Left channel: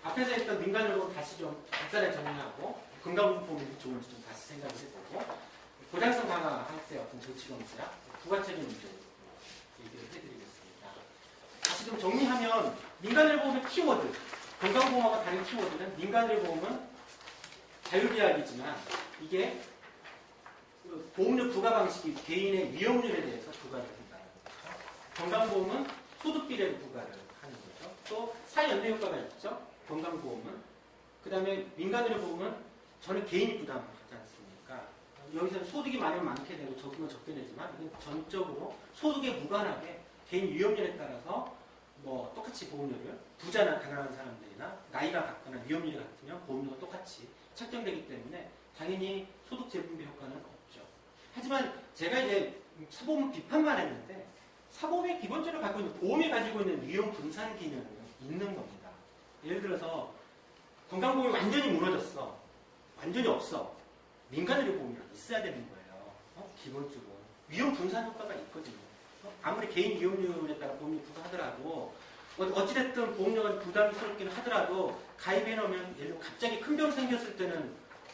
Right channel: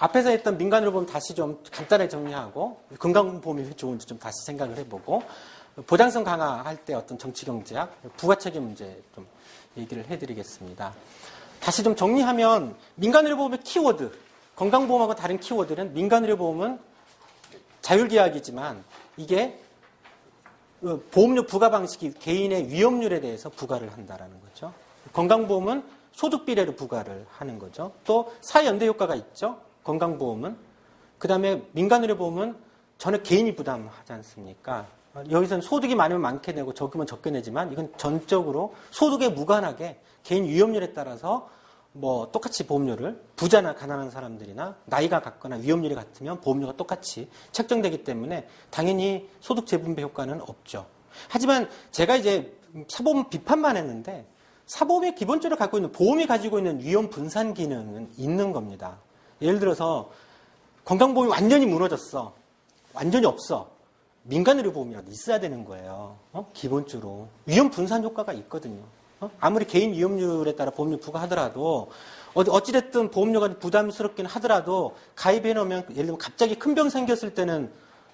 앞에서 했던 민간의료보험 다시 좀 간단하게 정리하고 건강보험이 좋은지 좀 다시 생각을 해보고 보장성 강화할 때 어떤 정치경제학, 부가체계 문제 좀 얘기를 해드리겠습니다. 다시 좀 정리하면 민간의료보험의 키워드, 건강보험하고 다른 키워드는 민간의료보험은 자율계약이지만 이게 보험료 부과 방식이 개인의 위험률에 대해서 부과를 한다라는 거죠. 건강보험은 소득 비례로 부과를 하는 거죠. 또 사회연대 효과가 있죠. 건강보험은. 그 다음에 민간의료보험은 전혀 개인이 부담하지 않습니까? 여기서는 소득이 많으면 많게 내고 적으면 적게 내지만 이건 전적으로 소득에 무관하게 개인 위험률에 따라서 뭐 똑같이 보험료를 부자나 가난한 사람들이나 나이가 같거나 위험률이 같으면 보험료가 똑같이 책정되기 때문에 당연히 소득 재분배 효과는 없죠. 하지만 제가 이제 사보험 비판만 했는데 사보험이 기본적으로 갖고 있는 보험이 가지고 있는 위험 분산 기능은 있는 겁니다. 예를 들어서 건강보험이 완전히 무너졌어. 완전히 없어. 민간의료보험이라도 있어야 되는 거예요. 기본적으로. 위험 분산 효과가 있거든요. 아무리 개인 위험률에 따라 보험료 부과하더라도 어찌됐든 보험료가 부담스럽긴 하더라도 가입해 놓으면 예를 들면 갑자기 큰 병 생겼을 때는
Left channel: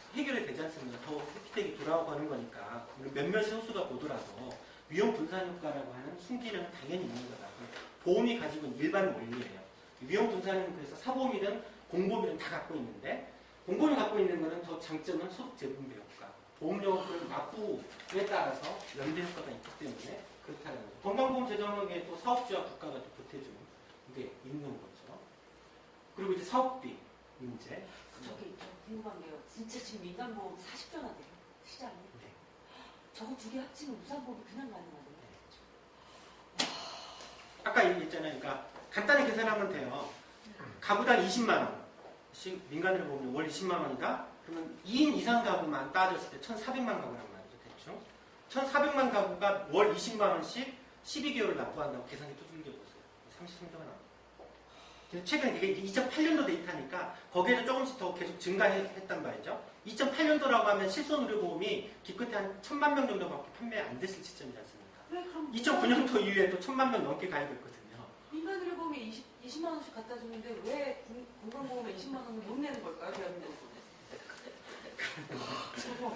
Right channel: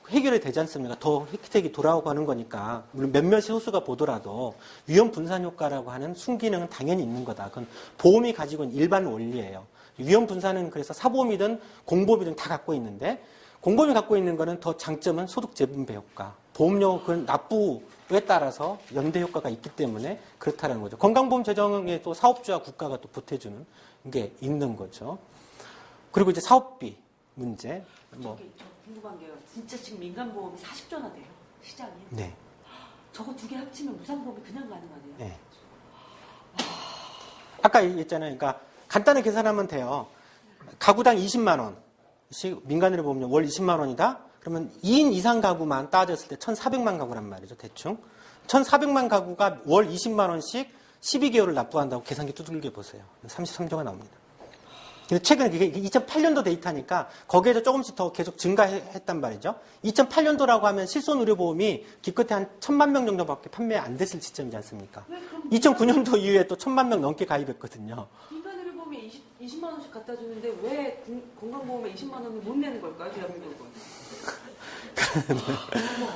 해결이 되지 않습니까? 더 혜택이 돌아오고 하는 거니까 물론 몇몇 소수가 보더라도 위험 분산 효과라고 하는 순기능은 당연히 있는 거다. 그건 보험이 가지고 있는 일반 원리예요. 위험 분산은 그래서 사보험이든 공보험이든 다 갖고 있는데 공보험이 갖고 있는 거는 더 장점은 소득 재분배 효과. 보험료 그 납부에 따라서 연대 효과가 있기 때문에 그렇다는 거죠. 건강보험 재정에 또 사업주와 국가가 또 보태주는 게 있는 거죠. 그리고 이제 사업비 문제. 저기 저 궁금한 게요. 진짜 지금 민간보험이 40조나 돼요. 시장이. 네. 저거 두 개 합치면 무상보험이 그냥 가능하네요. 네. 아까 얘기했잖아요. 그러니까 간단히 계산하면 돼요. 가구당 20만 원씩 민간으로 보면 월 20만 원이다. 그러면 2인 이상 가구만 따졌을 때 1,400만 가구란 말이죠. 대충. 1,400만 가구가 월 20만 원씩 12개월을 납부한다고 계산기 두들겨 보세요. 33조가 나옵니다. 근데 최근에 이게 2008년도 데이터니까 거기에서 조금씩 더 계속 증가했단 말이죠. 2008년도라고 하면 실손의료보험이 기껏해 한 1,000만 명 정도밖에 판매 안 됐을 시점이지 않습니까? 2009년도 이후에 또 1,000만 명 넘게 가입했거든요. 민간의료보험에 20만 원씩 갖다 주는데 왜 건강보험에 20만 원을 못 내는 걸까요? 대한민국은.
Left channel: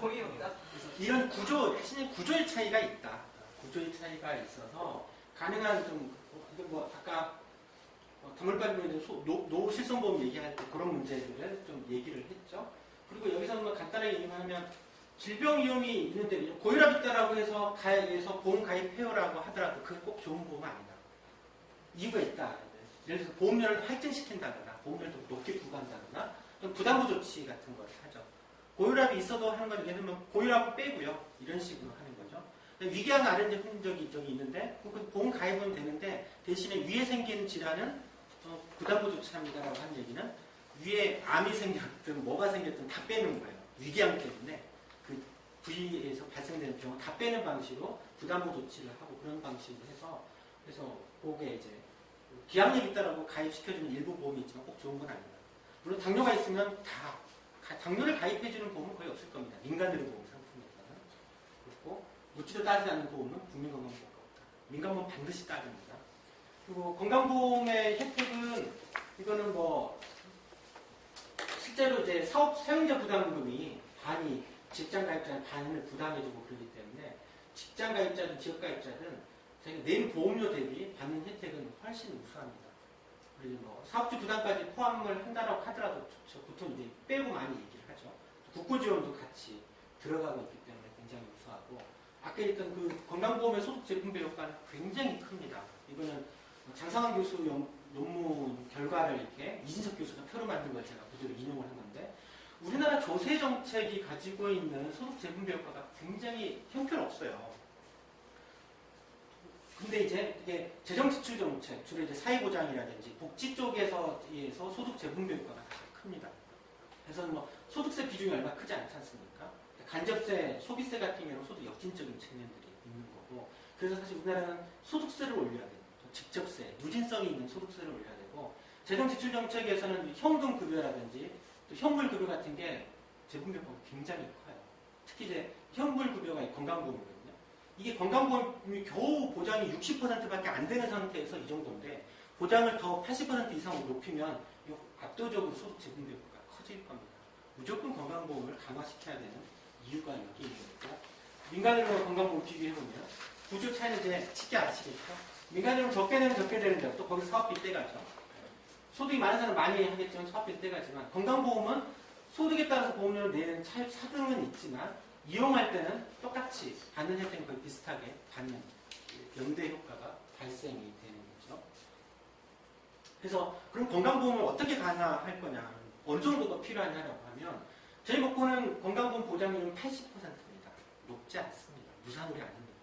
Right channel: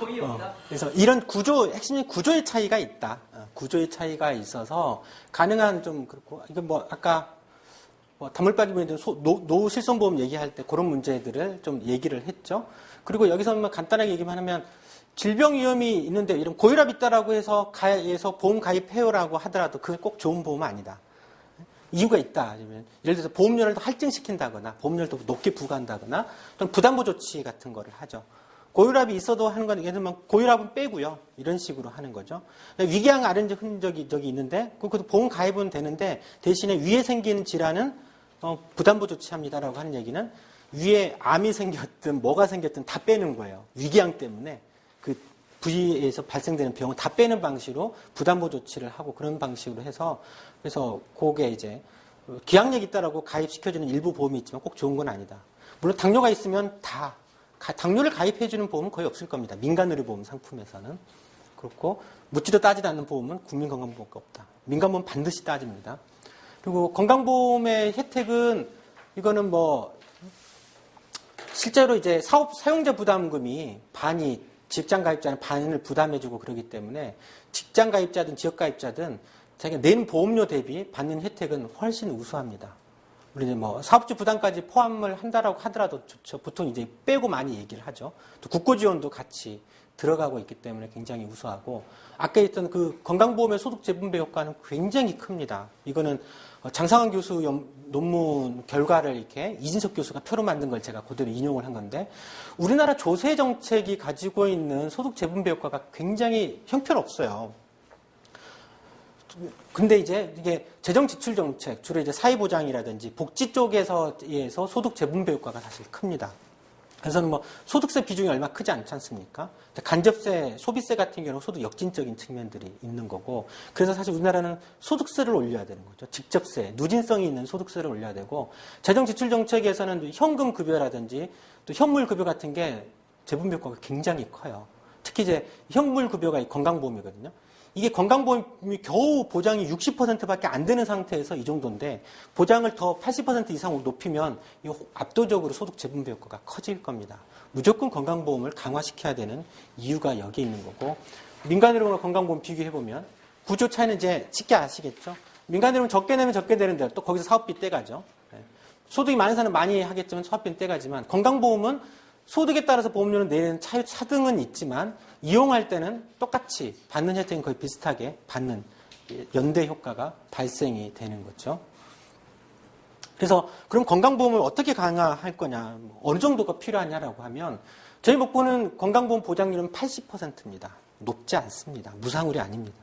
어이없다. 그래서 이런 핵심적인 구조의 차이가 있다. 구조의 차이가 있어서 가능한 좀 그렇고 이거 뭐 아까 다물빠지면 노실손보험 얘기할 때 그런 문제들을 좀 얘기를 했죠. 그리고 여기서는 간단하게 얘기만 하면 질병 위험이 있는데 이런 고혈압 있다라고 해서 보험 가입해요라고 하더라도 그건 꼭 좋은 보험은 아니다. 이유가 있다. 예를 들어서 보험료를 더 할증시킨다거나 보험료를 더 높게 부과한다거나 또는 부담보 조치 같은 거를 하죠. 고혈압이 있어도 하는 건 예를 들면 고혈압은 빼고요. 이런 식으로 하는 거죠. 위궤양 아련제 흔적이 저기 있는데 그것도 보험 가입은 되는데 대신에 위에 생기는 질환은 부담보 조치합니다라고 하는 얘기는 위에 암이 생겼든 뭐가 생겼든 다 빼는 거예요. 위궤양 때문에 그 부위에서 발생되는 병을 다 빼는 방식으로 부담보 조치를 하고 그런 방식으로 해서 그래서 그게 이제 기항력 있다라고 가입시켜주는 일부 보험이 있지만 꼭 좋은 건 아니다. 물론 당뇨가 있으면 다 당뇨를 가입해주는 보험은 거의 없을 겁니다. 민간의료보험 상품에서는. 그렇고 묻지도 따지도 않는 보험은 국민건강보험밖에 없다. 민간보험 반드시 따집니다. 그리고 건강보험의 혜택은 이거는 뭐 실제로 이제 사용자 부담금이 반이 직장 가입자는 반을 부담해주고 그러기 때문에 직장 가입자든 지역 가입자든 자기가 낸 보험료 대비 받는 혜택은 훨씬 우수합니다. 우리 뭐 사업주 부담까지 포함을 한다라고 하더라도 보통 이제 빼고 많이 얘기를 하죠. 또 국고 지원도 같이 들어가고 있기 때문에 굉장히 우수하고 아까 했던 그 건강보험의 소득 재분배 효과는 굉장히 큽니다. 이거는 장상환 교수 논문 결과를 이렇게 이진석 교수가 표로 만든 걸 제가 그대로 인용을 한 건데 우리나라 조세 정책이 가지고 있는 소득 재분배 효과가 굉장히 형편없어요. 근데 이제 이게 재정 지출 정책, 주로 이제 사회보장이라든지 복지 쪽에서 소득 재분배 효과가 사실 큽니다. 그래서 뭐 소득세 비중이 얼마 크지 않지 않습니까? 간접세, 소비세 같은 경우는 소득 역진적인 측면들이 있는 거고, 그래서 사실 우리나라는 소득세를 올려야 되는 거죠. 직접세, 누진성이 있는 소득세를 올려야 되고, 재정 지출 정책에서는 현금 급여라든지 또 현물 급여 같은 게 재분배 효과가 굉장히 커요. 특히 이제 현물 급여가 건강보험이거든요. 이게 건강보험이 겨우 보장이 60%밖에 안 되는 상태에서 이 정도인데 보장을 더 80% 이상 높이면 이 압도적으로 소득 재분배 효과가 커질 겁니다. 무조건 건강보험을 강화시켜야 되는 이유가 여기 있는 거고 민간이론과 건강보험 비교해보면 구조 차이는 이제 쉽게 아시겠죠? 민간이론은 적게 내면 적게 되는데 또 거기서 사업비 떼가죠. 소득이 많은 사람은 많이 하겠지만 사업비는 떼가지만 건강보험은 소득에 따라서 보험료는 내는 차등은 있지만 이용할 때는 똑같이 받는 혜택은 거의 비슷하게 받는 연대 효과가 발생이 되는 거죠. 그래서 그럼 건강보험을 어떻게 강화할 거냐, 어느 정도가 필요하냐라고 하면 저희 목표는 건강보험 보장률은 80%입니다. 높지 않습니다. 무상울이 아닙니다.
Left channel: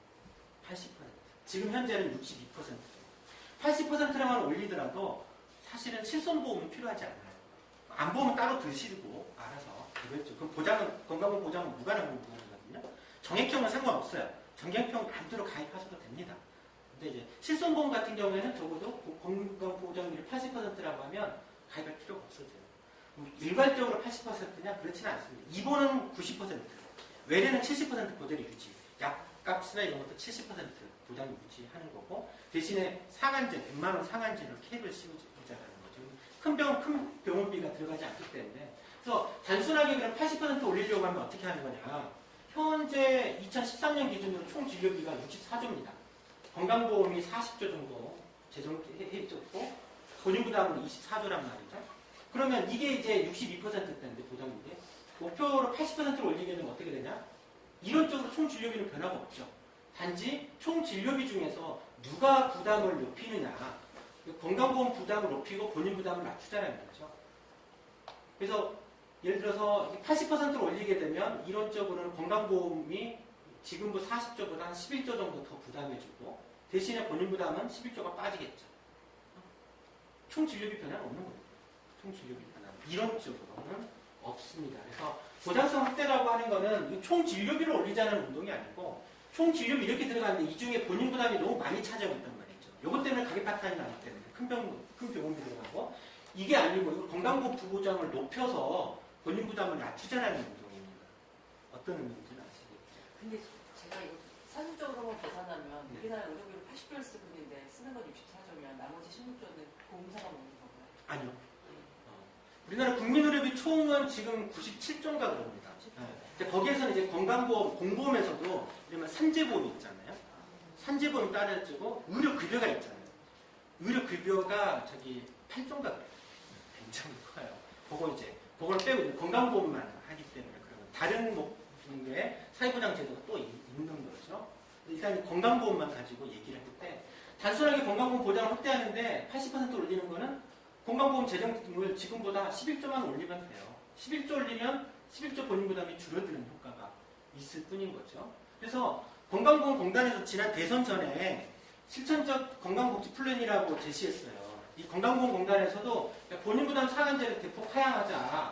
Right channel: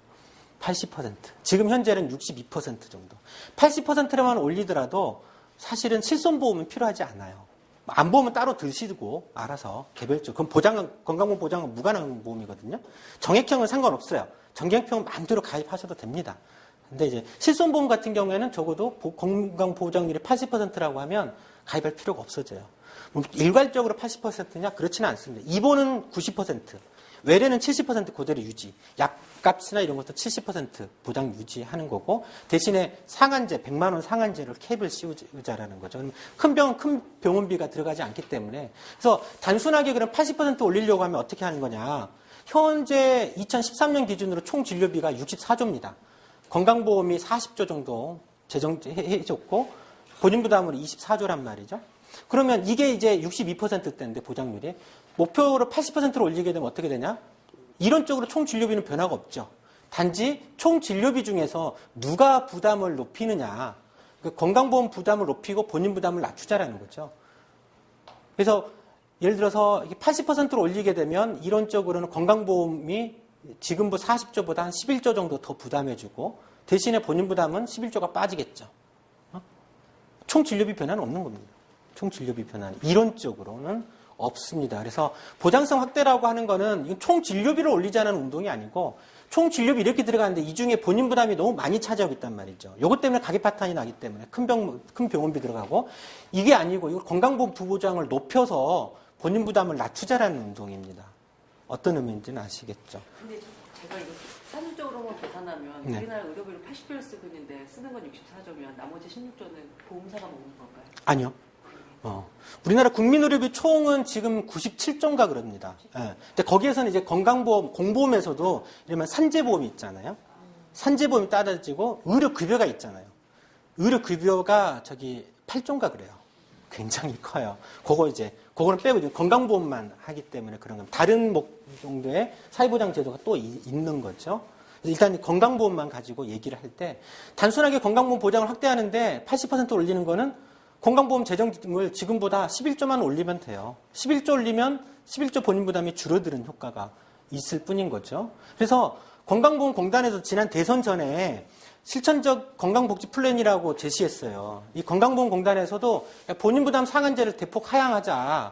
80%. 지금 현재는 62% 정도. 80%만 올리더라도 사실은 실손보험은 필요하지 않아요. 안보험은 따로 드시고 알아서 개별적으로. 그럼 건강보험 보장은 무관한 보험이거든요. 정액형은 상관없어요. 정액형 마음대로 가입하셔도 됩니다. 근데 이제 실손보험 같은 경우에는 적어도 건강보장률이 80%라고 하면 가입할 필요가 없어져요. 일괄적으로 80%냐? 그렇지는 않습니다. 입원은 90%, 외래는 70% 그대로 유지. 약값이나 이런 것도 70% 보장 유지하는 거고 대신에 상한제, 100만 원 상한제를 캡을 씌우자라는 거죠. 큰 병원비가 들어가지 않기 때문에. 그래서 단순하게 그럼 80% 올리려고 하면 어떻게 하는 거냐? 현재 2013년 기준으로 총 진료비가 64조입니다. 건강보험이 40조 정도 제정해줬고 본인부담으로 24조란 말이죠. 그러면 이게 이제 62%대인데 보장률이 목표로 80%로 올리게 되면 어떻게 되냐? 이론적으로 총 진료비는 변화가 없죠. 단지 총 진료비 중에서 누가 부담을 높이느냐, 건강보험 부담을 높이고 본인 부담을 낮추자라는 거죠. 그래서 예를 들어서 80%로 올리게 되면 이론적으로는 건강보험이 지금부 40조보다 한 11조 정도 더 부담해주고 대신에 본인 부담은 11조가 빠지겠죠. 총 진료비 변화는 없는 겁니다. 총 진료비 변화는 이론적으로는 없습니다. 그래서 보장성 확대라고 하는 거는 총 진료비를 올리자는 운동이 아니고 총 진료비 이렇게 들어가는데 이 중에 본인 부담이 너무 많이 차지하고 있단 말이죠. 이것 때문에 가계 파탄이 나기 때문에 큰 병원비 들어가고 이게 아니고 이거 건강보험 부보장을 높여서 본인 부담을 낮추자라는 운동입니다. 어떤 의미인지는 아시겠죠? 근데 제가 이거 산술적으로만 계산하면 네. 우리나라 의료비를 80조를 쓰고 있는데 쓰는 건 64조면 나머지 16조는 보험사가 먹는 건가요? 아니요. 우리나라 국민의료비 총은 지금 97조인가 그럽니다. 예. 근데 거기에서는 이제 건강보험, 공보험에서도 이러면 산재보험이 있잖아요. 산재보험이 따라지고 의료급여가 있잖아요. 의료급여가 8조인가 그래요. 굉장히 커요. 그거를 빼고 이제 건강보험만 하기 때문에 그런 건 다른 정도의 사회보장 제도가 또 있는 거죠. 일단 건강보험만 가지고 얘기를 할 때 단순하게 건강보험 보장을 확대하는데 80% 올리는 거는 건강보험 재정을 지금보다 11조만 올리면 돼요. 11조 올리면 11조 본인 부담이 줄어드는 효과가 있을 뿐인 거죠. 그래서 건강보험공단에서 지난 대선 전에 실천적 건강복지 플랜이라고 제시했어요. 이 건강보험공단에서도 본인 부담 상한제를 대폭 하향하자라고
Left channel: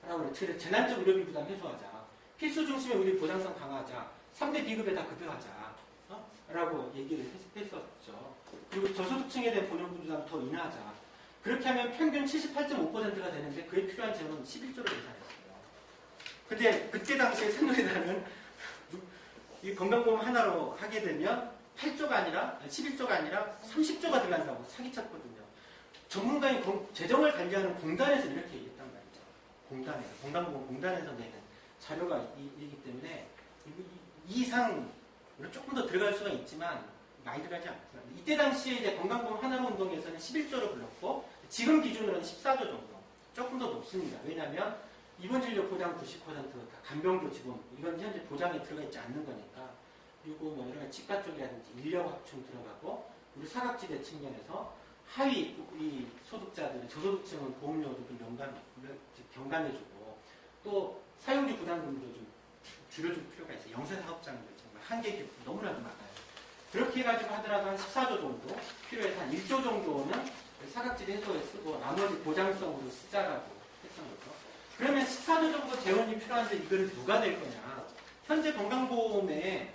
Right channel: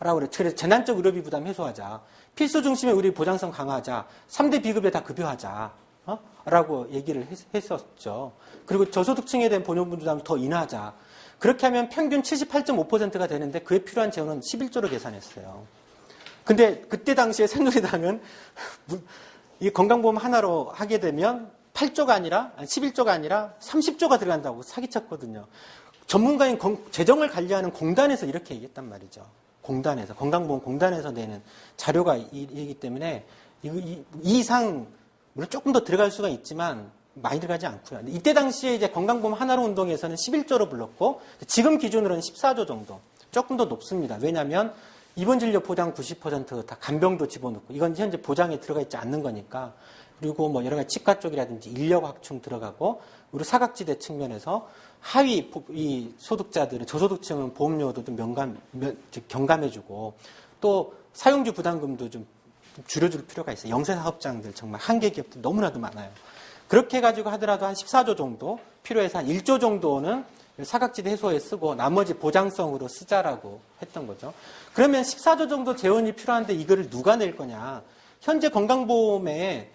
그래요. 그래서 재난적 의료비 부담 해소하자. 필수 중심의 의료 보장성 강화하자. 3대 비급여 다 급여하자. 라고 얘기를 했었죠. 그리고 저소득층에 대한 본인 부담을 더 인하하자. 그렇게 하면 평균 78.5%가 되는데 그에 필요한 재원은 11조로 계산했어요. 근데 그때 당시에 새누리당은 이 건강보험 하나로 하게 되면 8조가 아니라 11조가 아니라 30조가 들어간다고 사기쳤거든요. 전문가인 재정을 관리하는 공단에서 이렇게 얘기했단 말이죠. 공단에서 건강보험 공단에서 내는 자료가 이기 때문에 이 이상 물론 조금 더 들어갈 수가 있지만 많이 들어가지 않고요. 이때 당시에 이제 건강보험 하나로 운동에서는 11조로 불렀고 지금 기준으로는 14조 정도. 조금 더 높습니다. 왜냐하면 입원 진료 보장 90% 다 간병도 집어넣고 이건 현재 보장에 들어가 있지 않는 거니까 그리고 뭐 여러 가지 치과 쪽이라든지 인력 확충 들어가고 그리고 사각지대 측면에서 하위 이 소득자들은 저소득층은 보험료도 좀 경감해주고 또 사용주 부담금도 좀 줄여줄 필요가 있어요. 영세 사업장들 정말 한계 기업들 너무나도 많아요. 그렇게 해가지고 하더라도 한 14조 정도 필요해서 한 1조 정도는 사각지대 해소에 쓰고 나머지 보장성으로 쓰자라고 했던 거죠. 그러면 14조 정도 재원이 필요한데 이거를 누가 낼 거냐. 현재 건강보험에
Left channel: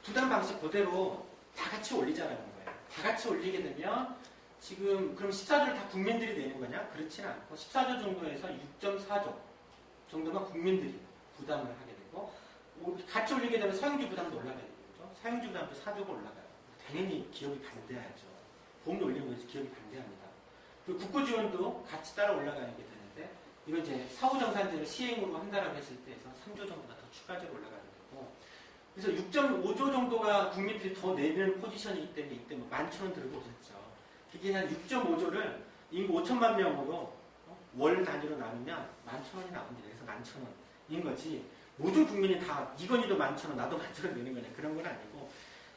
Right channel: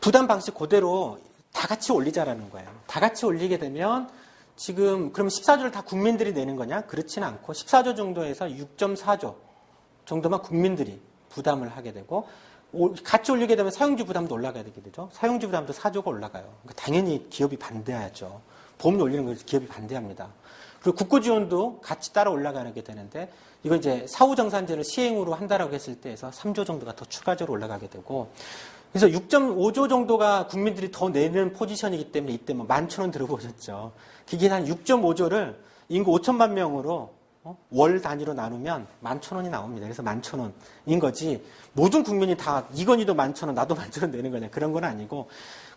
부담 방식 그대로 다 같이 올리자라는 거예요. 다 같이 올리게 되면 지금 그러면 14조를 다 국민들이 내는 거냐? 그렇지는 않고 14조 정도에서 6.4조 정도만 국민들이 부담을 하게 되고 같이 올리게 되면 사용주 부담도 올라가게 되죠. 사용주 부담도 4조가 올라가요. 그러니까 당연히 기업이 반대하죠. 보험료 올리는 걸 기업이 반대합니다. 그리고 국고 지원도 같이 따라 올라가게 되는데 이거 이제 사후정산제를 시행으로 한다라고 했을 때에서 3조 정도가 더 추가적으로 올라가게 되고 그래서 6.5조 정도가 국민들이 더 내는 포지션이기 때문에 이때 뭐 11,000원 들어보셨죠. 그게 한 6.5조를 인구 5천만 명으로 월 단위로 나누면 11,000원이 나옵니다. 그래서 11,000원인 거지 모든 국민이 다 이건희도 11,000원 나도 11,000원 내는 거냐 그런 건 아니고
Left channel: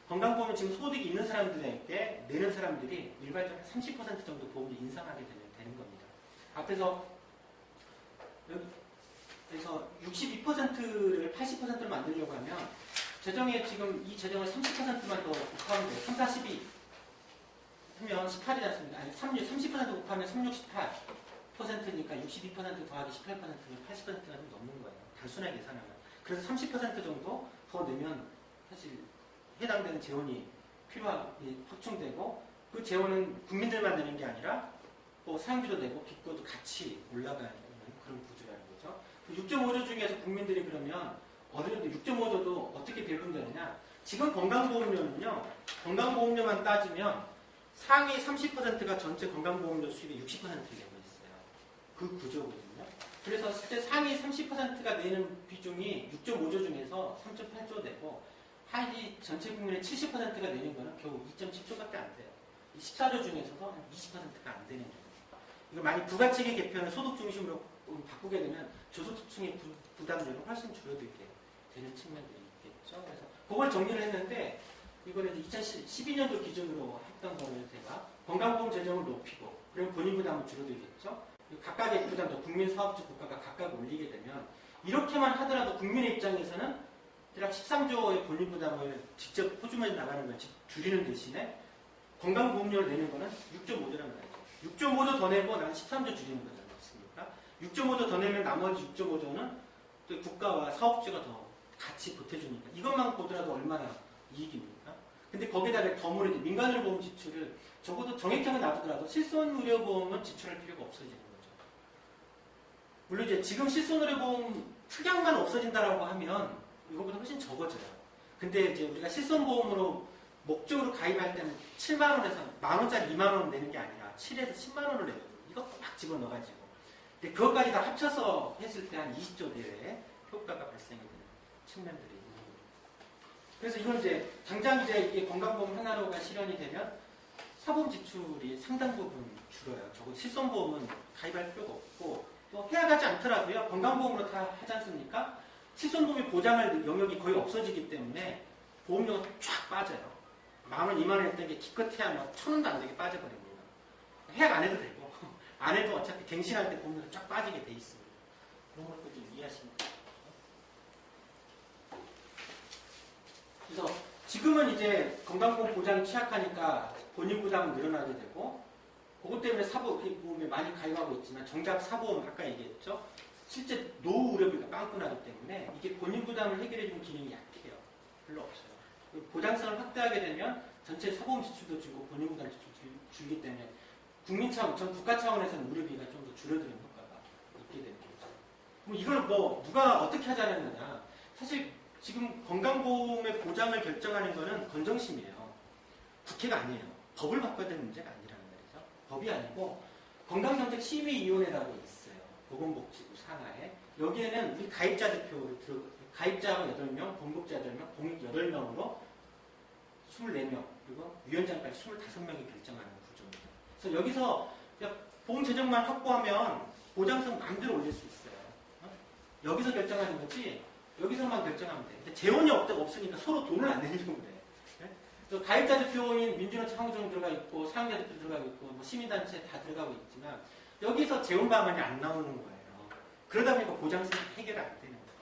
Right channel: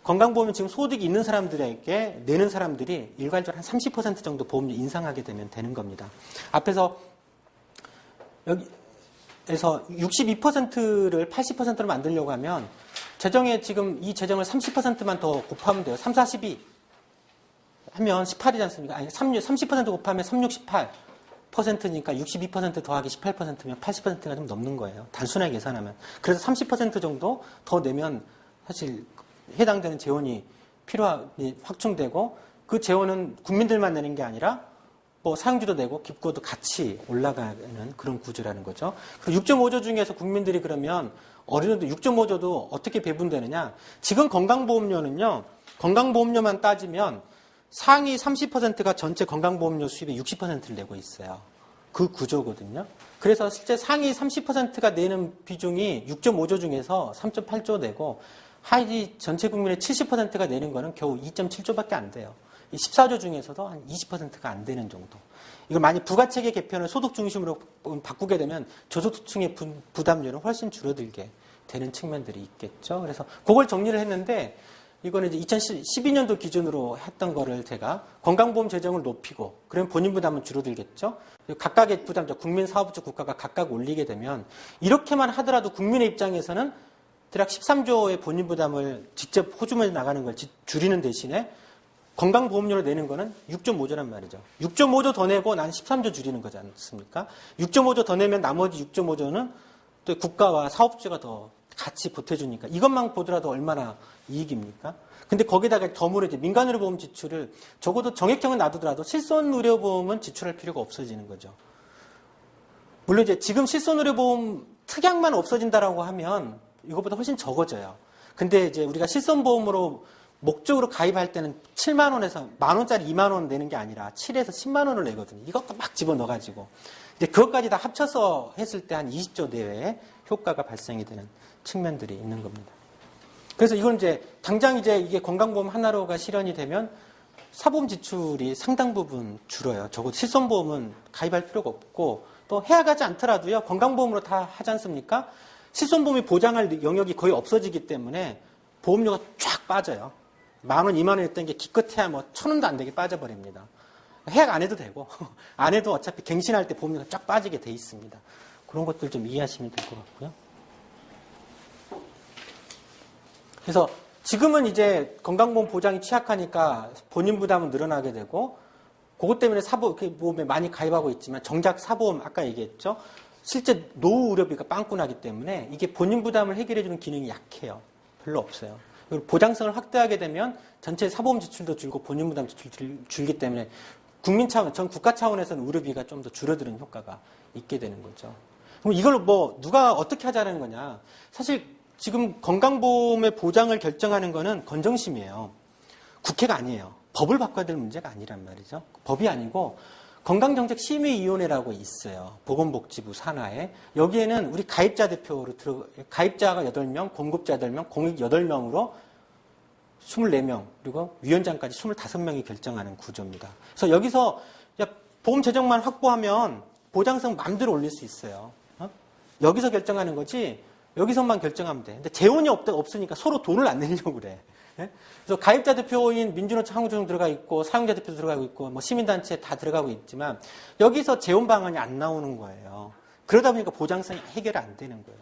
건강보험은 지금 소득이 있는 사람들에게 내는 사람들이 일괄적으로 한 30% 정도 보험료 인상하게 되면 되는 겁니다. 앞에서 여기에서 62%를 80%로 만들려고 하면 재정에 지금 이 재정을 30%만 더 곱하면 돼요. 3, 42 하면 18이지 않습니까? 아니 30% 곱하면 3, 6, 18%니까 62% 더하기 18%면 80%가 좀 넘는 거예요. 단순하게 계산하면. 그래서 30% 정도 더 내면 사실 해당되는 재원이 확충되고 그 재원은 국민들만 내는 게 아니라 뭐 사용주도 내고 기부도 같이 올라가는 그런 구조라는 거죠. 그리고 6.5조 중에서 국민들이 그러면 어느 정도 6.5조도 어떻게 배분되느냐? 지금 건강보험료는요. 건강보험료만 따지면 상위 30%가 전체 건강보험료 수입의 60%를 내고 있어요. 그 구조거든요. 그래서 실제 상위 30%가 내는 비중이 6.5조 중에서 3.8조 내고 하위 전체 국민의 70%가 내는 거는 겨우 2.7조밖에 안 돼요. 이 14조 중에서도 한 20%가 안 되는 정도. 이걸 만약 부가체계 개편을 소득 중심으로 바꾸게 되면 저소득층의 부담료는 훨씬 줄어들게 되는 측면들이 있겠죠. 그래서 그걸 정리를 했는데 이거는 이제 2012년도 기준으로 했던 거를 제가 건강보험 재정을 높이고 그러면 본인 부담은 줄어들겠죠. 각각의 부담, 국민 사업주 국가가 각각 올리게 되면 이렇게만 하더라도 국민의 입장에서는 대략 13조의 본인 부담을 직접 호주머니 나가는 걸 줄이는 대신에 건강보험료를 내는 거는 6.5조란 말이죠. 6.5조 더 내고 난 13조 줄이는 거지 않습니까? 6.5조 더 내면 나머지 6.5조는 또 국가와 사업주가 더 같이 보태주니까 이것만 보더라도 얼마나 이익입니까? 근데 거기다가 덤으로 이제 민간의료보험 지출을 적어도 정액형은 놔두더라도 실손의료보험은 지출할 필요가 없어지는 거죠. 물론 이제 지금 실손의료보험 특약만 없어진다라고 하면 이것보다 훨씬 적어져요. 근데 이제 우리가 실손보험으로 목적으로 가입할 때는 7만 원에서 만 원짜리 2만 원 내는 게 아니라 7에서 10만 원을 내거든요. 이것도 막 집어넣어가지고 이제 그것까지 다 합쳐서 했을 때 한 20조 내외의 효과가 발생이 되는 측면들이 있는 겁니다. 그래서 이건 이제 당장 이제 이게 건강보험 하나로가 실현이 되면 사보험 지출이 상당 부분 줄어요. 적어도 실손보험은 가입할 필요가 없고 또 해야 가지 않더라도요. 건강보험으로 다 하지 않습니까? 실손보험이 보장할 영역이 거의 없어지기 때문에 보험료가 쫙 빠져요. 만 원, 2만 원 했던 게 기껏해야 뭐 1,000원도 안 되게 빠져버립니다. 해약 안 해도 되고 안 해도 어차피 갱신할 때 보험료가 쫙 빠지게 돼 있습니다. 그런 것들 좀 이해하시면 될 것 같고요. 그래서 지금은 이제 건강보험 보장이 취약하니까 본인 부담은 늘어나게 되고 그것 때문에 사보험에 많이 가입하고 있지만 정작 사보험 아까 얘기했죠. 실제 노후 의료비가 빵꾸 나기 때문에 이게 본인 부담을 해결해주는 기능이 약해요. 별로 없어요. 그리고 보장성을 확대하게 되면 전체 사보험 지출도 줄고 본인 부담 지출도 줄기 때문에 국민 차원, 전 국가 차원에서는 의료비가 좀 더 줄어드는 효과가 있게 되는 거죠. 그럼 이걸 뭐 누가 어떻게 하자는 거냐? 사실 지금 건강보험의 보장을 결정하는 거는 건정심이에요. 국회가 아니에요. 법을 바꿔야 될 문제가 아니란 말이죠. 법이 아니고 건강정책심의위원회라고 있어요. 보건복지부 산하에. 여기에는 우리 가입자 대표로 가입자가 8명, 공급자 8명, 공익 8명으로 24명, 그리고 위원장까지 25명이 결정하는 구조입니다. 그래서 여기서 보험 재정만 확보하면 보장성 마음대로 올릴 수 있어요. 여기서 결정하는 거지 여기서만 결정하면 돼. 근데 재원이 없으니까 서로 돈을 안 내려고 그래. 그래서 가입자 대표인 민주노총 한국노총 들어가 있고 사용자 대표 들어가고 있고 뭐 시민단체 다 들어가고 있지만 여기서 재원 방안이 안 나오는 거예요. 그러다 보니까 보장성 해결이 안 되는 거예요.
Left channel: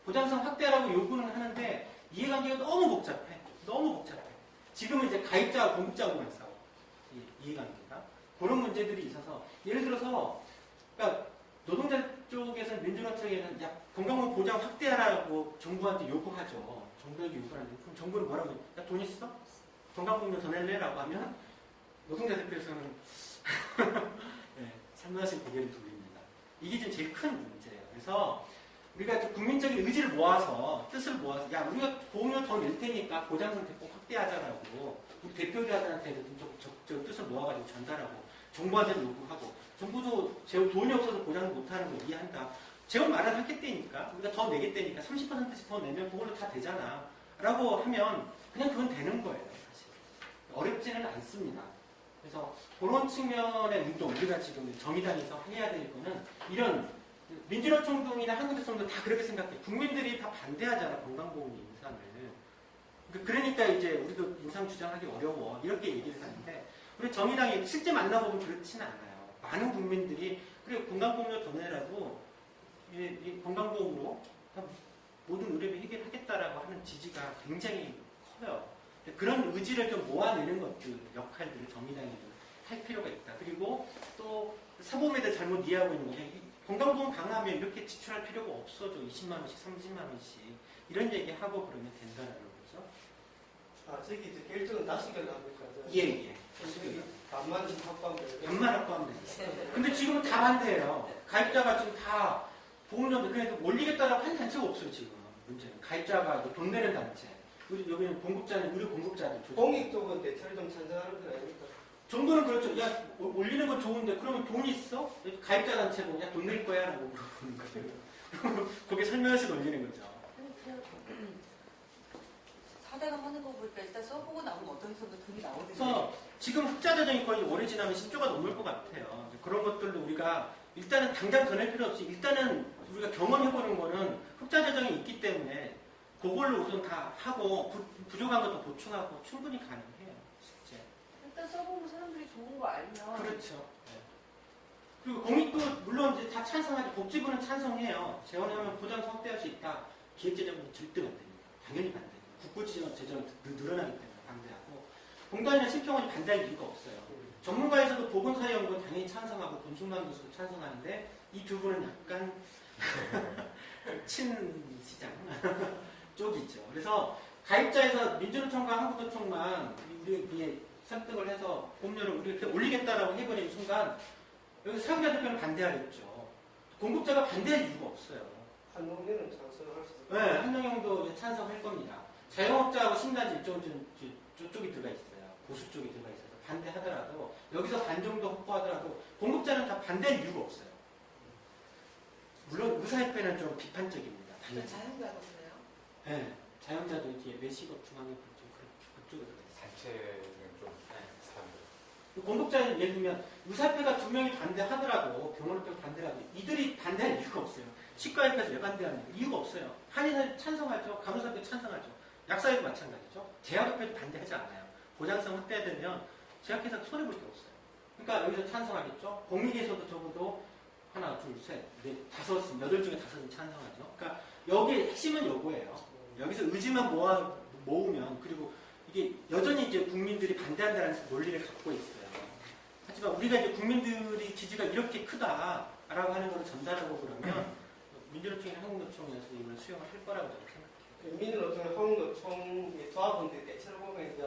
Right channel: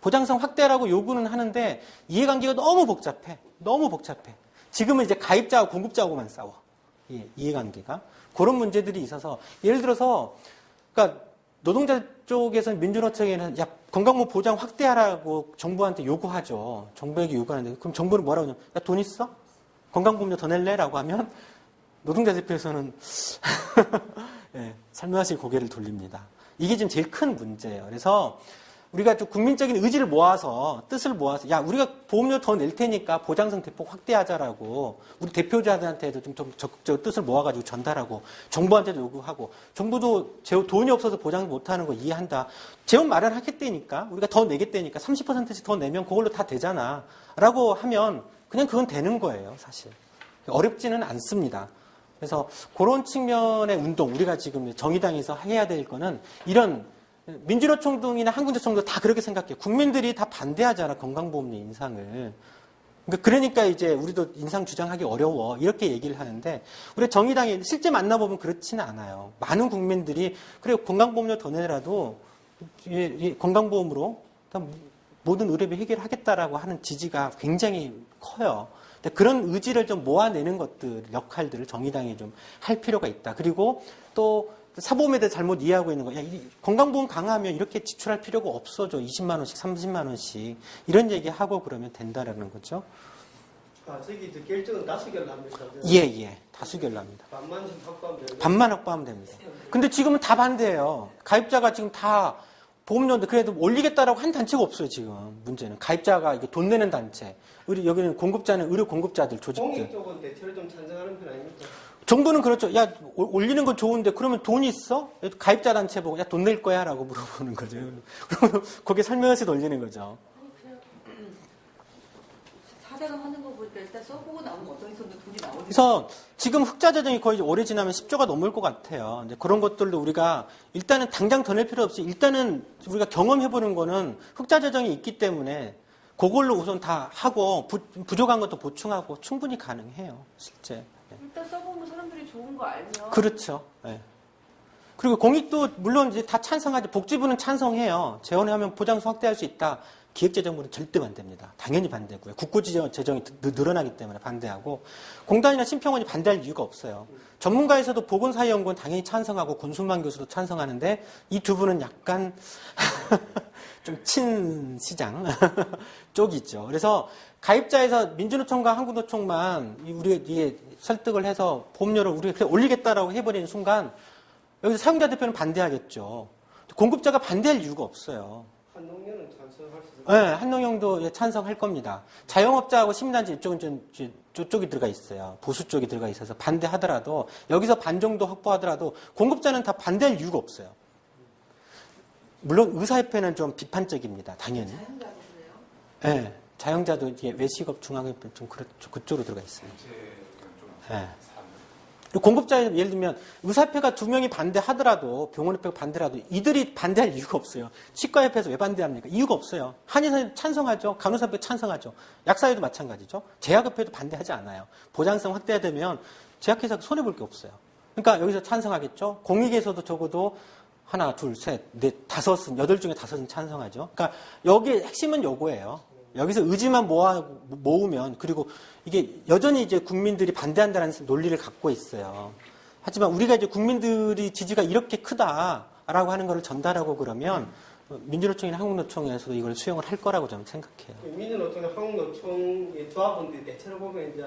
보장성 확대라고 요구는 하는데 이해관계가 너무 복잡해. 너무 복잡해. 지금은 이제 가입자와 공급자하고만 싸워. 이해관계가. 그런 문제들이 있어서 예를 들어서 그러니까 노동자 쪽에서는 민주노총에는 건강보험 보장 확대하라고 정부한테 요구하죠. 정부에게 요구하는데 그럼 정부는 뭐라고 하냐면 돈 있어? 건강보험료 더 낼래? 라고 하면 노동자 대표에서는 살며시 고개를 돌립니다. 이게 지금 제일 큰 문제예요. 그래서 우리가 좀 국민적인 의지를 모아서 뜻을 모아서 야 우리가 보험료 더 낼 테니까 보장성 대폭 확대하자라고 우리 대표자들한테도 좀 적극적으로 뜻을 모아가지고 전달하고 정부한테도 요구하고 정부도 돈이 없어서 보장 못하는 거 이해한다. 재원 마련하겠다니까 우리가 더 내겠다니까 30%씩 더 내면 그걸로 다 되잖아 라고 하면 그냥 그건 되는 거예요 사실. 어렵지는 않습니다. 그래서 그런 측면의 운동 우리가 지금 정의당에서 해야 될 거는 이런 민주노총동이나 한국노총도 다 그렇게 생각해요. 국민들이 다 반대하잖아 건강보험료 인상을. 그러니까 이제 우리도 인상 주장하기 어려워 이렇게 얘기를 하는데 우리 정의당이 실제 만나보면 그렇지는 않아요. 많은 국민들이 그래 건강보험료 더 내라도 건강보험으로 모든 의료비 해결하겠다라고 하는 지지가 굉장히 커요. 그런 의지를 좀 모아내는 것들 역할들을 정의당이 좀 할 필요가 있다. 그리고 또 사보험에 대해 잘못 이해하고 있는 거. 야, 건강보험 강화하면 이렇게 지출할 필요가 없어져. 20만 원씩, 30만 원씩. 이런 얘기하고 그러면 된다라는 거죠. 아, 저기 이제 결정은 다수결로 합니까? 예. 다수결로 합니다. 반만씩 확보하면 되는 반만 확보하면 됩니다. 근데 지금은 다 반대예요. 가입자가 지금 다 보험료인데 그래도 올리겠다라고 한 단체가 없어요, 지금. 문제는. 가입자가 이거 돈 내는 단체. 여기는 공급자는 의료 공급자들 조직들. 공익 쪽은 대체로 좀 찬성하는 편 아닙니까? 정부는 그렇죠. 야, 올리는 건 좋은데, 그러면 돈이 있어? 가입자 단체 보고, 야, 돈 낼 거야? 라고 물어보는 거죠. 그러면 거기에 설명해서 돌리는 거죠. 4대강 하는 거 보니까 일단 써보고 나면 어디서든 돈이 나오는 그래서 지금 흑자 재정이 거의 오래 지나면 10조가 넘을 것 같아요. 이제 그런 것들도 우리가 일단은 당장 더 낼 필요 없이 일단은 우리가 경험해보는 거는 흑자 재정이 있기 때문에 그걸로 우선 다 하고 부족한 것도 보충하고 충분히 가능해요. 실제. 일단 써보면 사람들이 좋은 거 알면 그렇죠. 네. 그리고 공익도 물론 이제 다 찬성하죠. 복지부는 찬성해요. 재원하면 보장성 확대할 수 있다. 기획재정부는 절대 반대입니다. 당연히 반대고요. 국고재정이 늘어나기 때문에 반대하고 공단이나 심평원이 반대할 이유가 없어요. 전문가에서도 보건사회연구원 당연히 찬성하고 권순만 교수도 찬성하는데 이 두 분은 약간 좀 친시장 쪽이죠. 그래서 가입자에서 민주노총과 한국노총만 우리가 이게 설득을 해서 보험료를 우리가 올리겠다라고 해버리는 순간 여기서 사용자 대표는 반대하겠죠. 공급자가 반대할 이유가 없어요. 한농년은 찬성할 수 있어요. 네, 한농형도 찬성할 겁니다. 자영업자하고 시민단체 이쪽은 좀 저쪽이 들어가 있어요. 보수 쪽이 들어가 있어서 반대하더라도 여기서 반 정도 확보하더라도 공급자는 다 반대할 이유가 없어요. 물론 의사협회는 좀 비판적입니다. 당연히. 자연자도 그래요? 네, 자영자도 이게 외식업 중앙협회 좀 그쪽으로 들어가 있어요. 네. 그리고 공급자는 예를 들면 의사협회가 2명이 반대하더라도 병원협회가 반대라도 이들이 반대할 이유가 없어요. 치과협회에서 왜 반대합니까? 이유가 없어요. 한의사협회 찬성하죠. 간호사협회 찬성하죠. 약사회도 마찬가지죠. 제약협회도 반대하지 않아요. 보장성 확대되면 제약회사가 손해볼 게 없어요. 그러니까 여기서 찬성하겠죠. 공익에서도 적어도 하나, 둘, 셋, 넷, 다섯은, 8 중에 5은 찬성하죠. 그러니까 여기의 핵심은 요거예요. 여기서 의지만 모으면, 그리고 이게 여전히 이제 국민들이 반대한다는 논리를 갖고 있어요. 하지만 우리가 이제 국민들이 지지가 이렇게 크다라고 하는 것을 전달하고 그러면 민주노총이나 한국노총에서도 이걸 수용을 할 거라고 저는 생각해요. 민주노총이나 한국노총의 조합원들이 대체로 보면 이제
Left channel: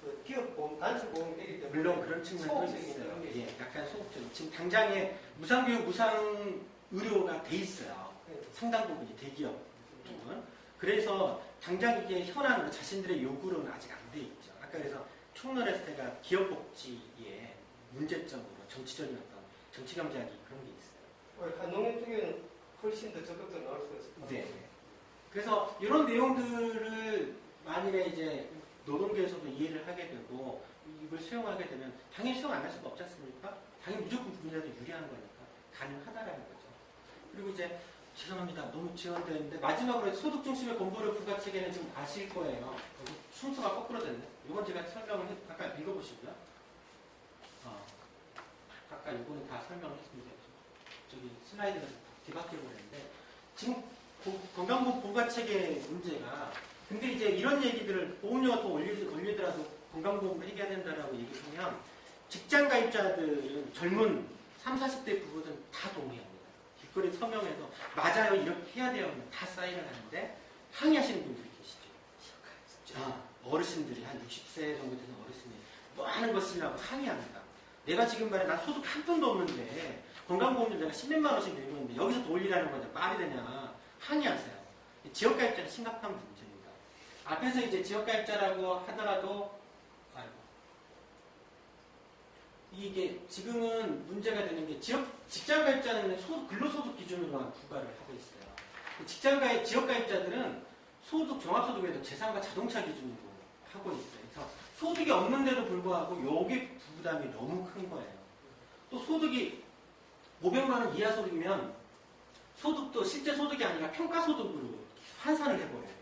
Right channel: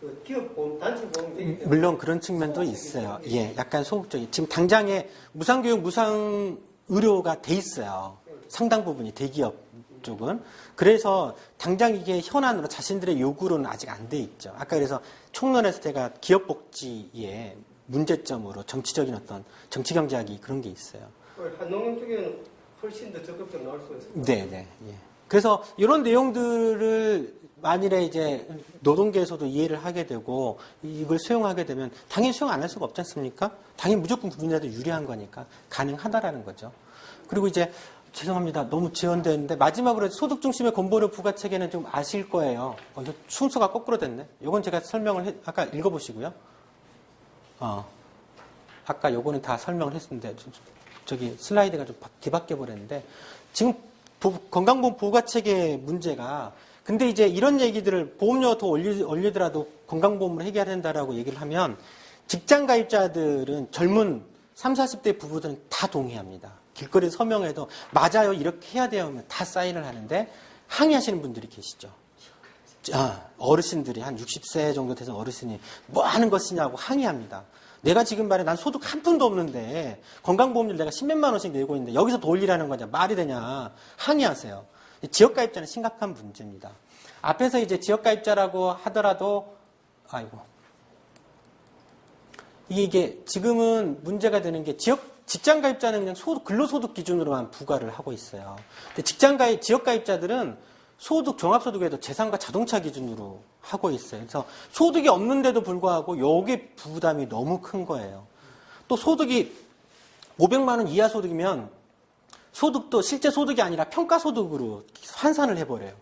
그 기업보험, 단체보험 되기 때문에 물론 그런 측면도 있어요. 예, 약간 소극적인. 지금 당장에 무상교육, 무상의료가 돼 있어요. 상당 부분이 대기업 쪽은. 그래서 당장 이게 현안으로 자신들의 요구로는 아직 안 돼 있죠. 아까 그래서 총론에서 제가 기업복지의 문제점으로 정치적인 어떤 정치경제학이 그런 게 있어요. 한농년 쪽에는 훨씬 더 적극적으로 나올 수가 있습니다. 네. 예. 그래서 이런 내용들을 만일에 이제 노동계에서도 이해를 하게 되고 이걸 수용하게 되면 당연히 수용 안 할 수가 없지 않습니까? 당연히 무조건 국민들한테 유리한 거니까 가능하다라는 거죠. 그리고 이제 죄송합니다. 너무 지연되는데 마지막으로 소득 중심의 건보료 부과 체계는 좀 아실 거예요. 이거 순서가 거꾸로 됐네. 이건 제가 설명을 아까 읽어보시고요. 아까 요거는 다 설명을 했는데 저기 슬라이드가 좀 뒤바뀌어 버렸는데 지금 건강보험 부과 체계 문제가 근데 이제 이런 얘기들을 보험료 더 올리더라도 건강보험을 해결해야 된다라고 얘기를 하면 직장 가입자들은 젊은 30, 40대 부부들은 다 동의합니다. 길거리 서명에도 맞아요 이렇게 해야 돼요 다 사인을 하는데 항의하시는 분들이 계시죠. 어르신들이 한 60세 정도 되신 어르신이 뭐 하는 것이냐고 항의합니다. 내가 지금 말해 난 소득 한 푼도 없는데 건강보험료 내가 10몇만 원씩 내고 있는데 여기서 더 올리라는 거냐 말이 되냐 항의하세요. 지역가입자는 심각한 문제입니다. 앞에서 이제 지역가입자라고 하더라도 아이고 이게 지금은 문제가 되는 게 직장가입자는 그냥 근로소득 기준으로만 부과를 하고 있어요. 근데 지역가입자들은 종합소득에도 재산과 자동차 기준으로 하고 있어요. 그래서 소득이 없는데도 불구하고 요게 부담이 너무 큰 거예요. 또 소득이 500만 원 이하 소득이면 소득도 실제 소득이 아니라 평가소득으로 환산을 해버려요.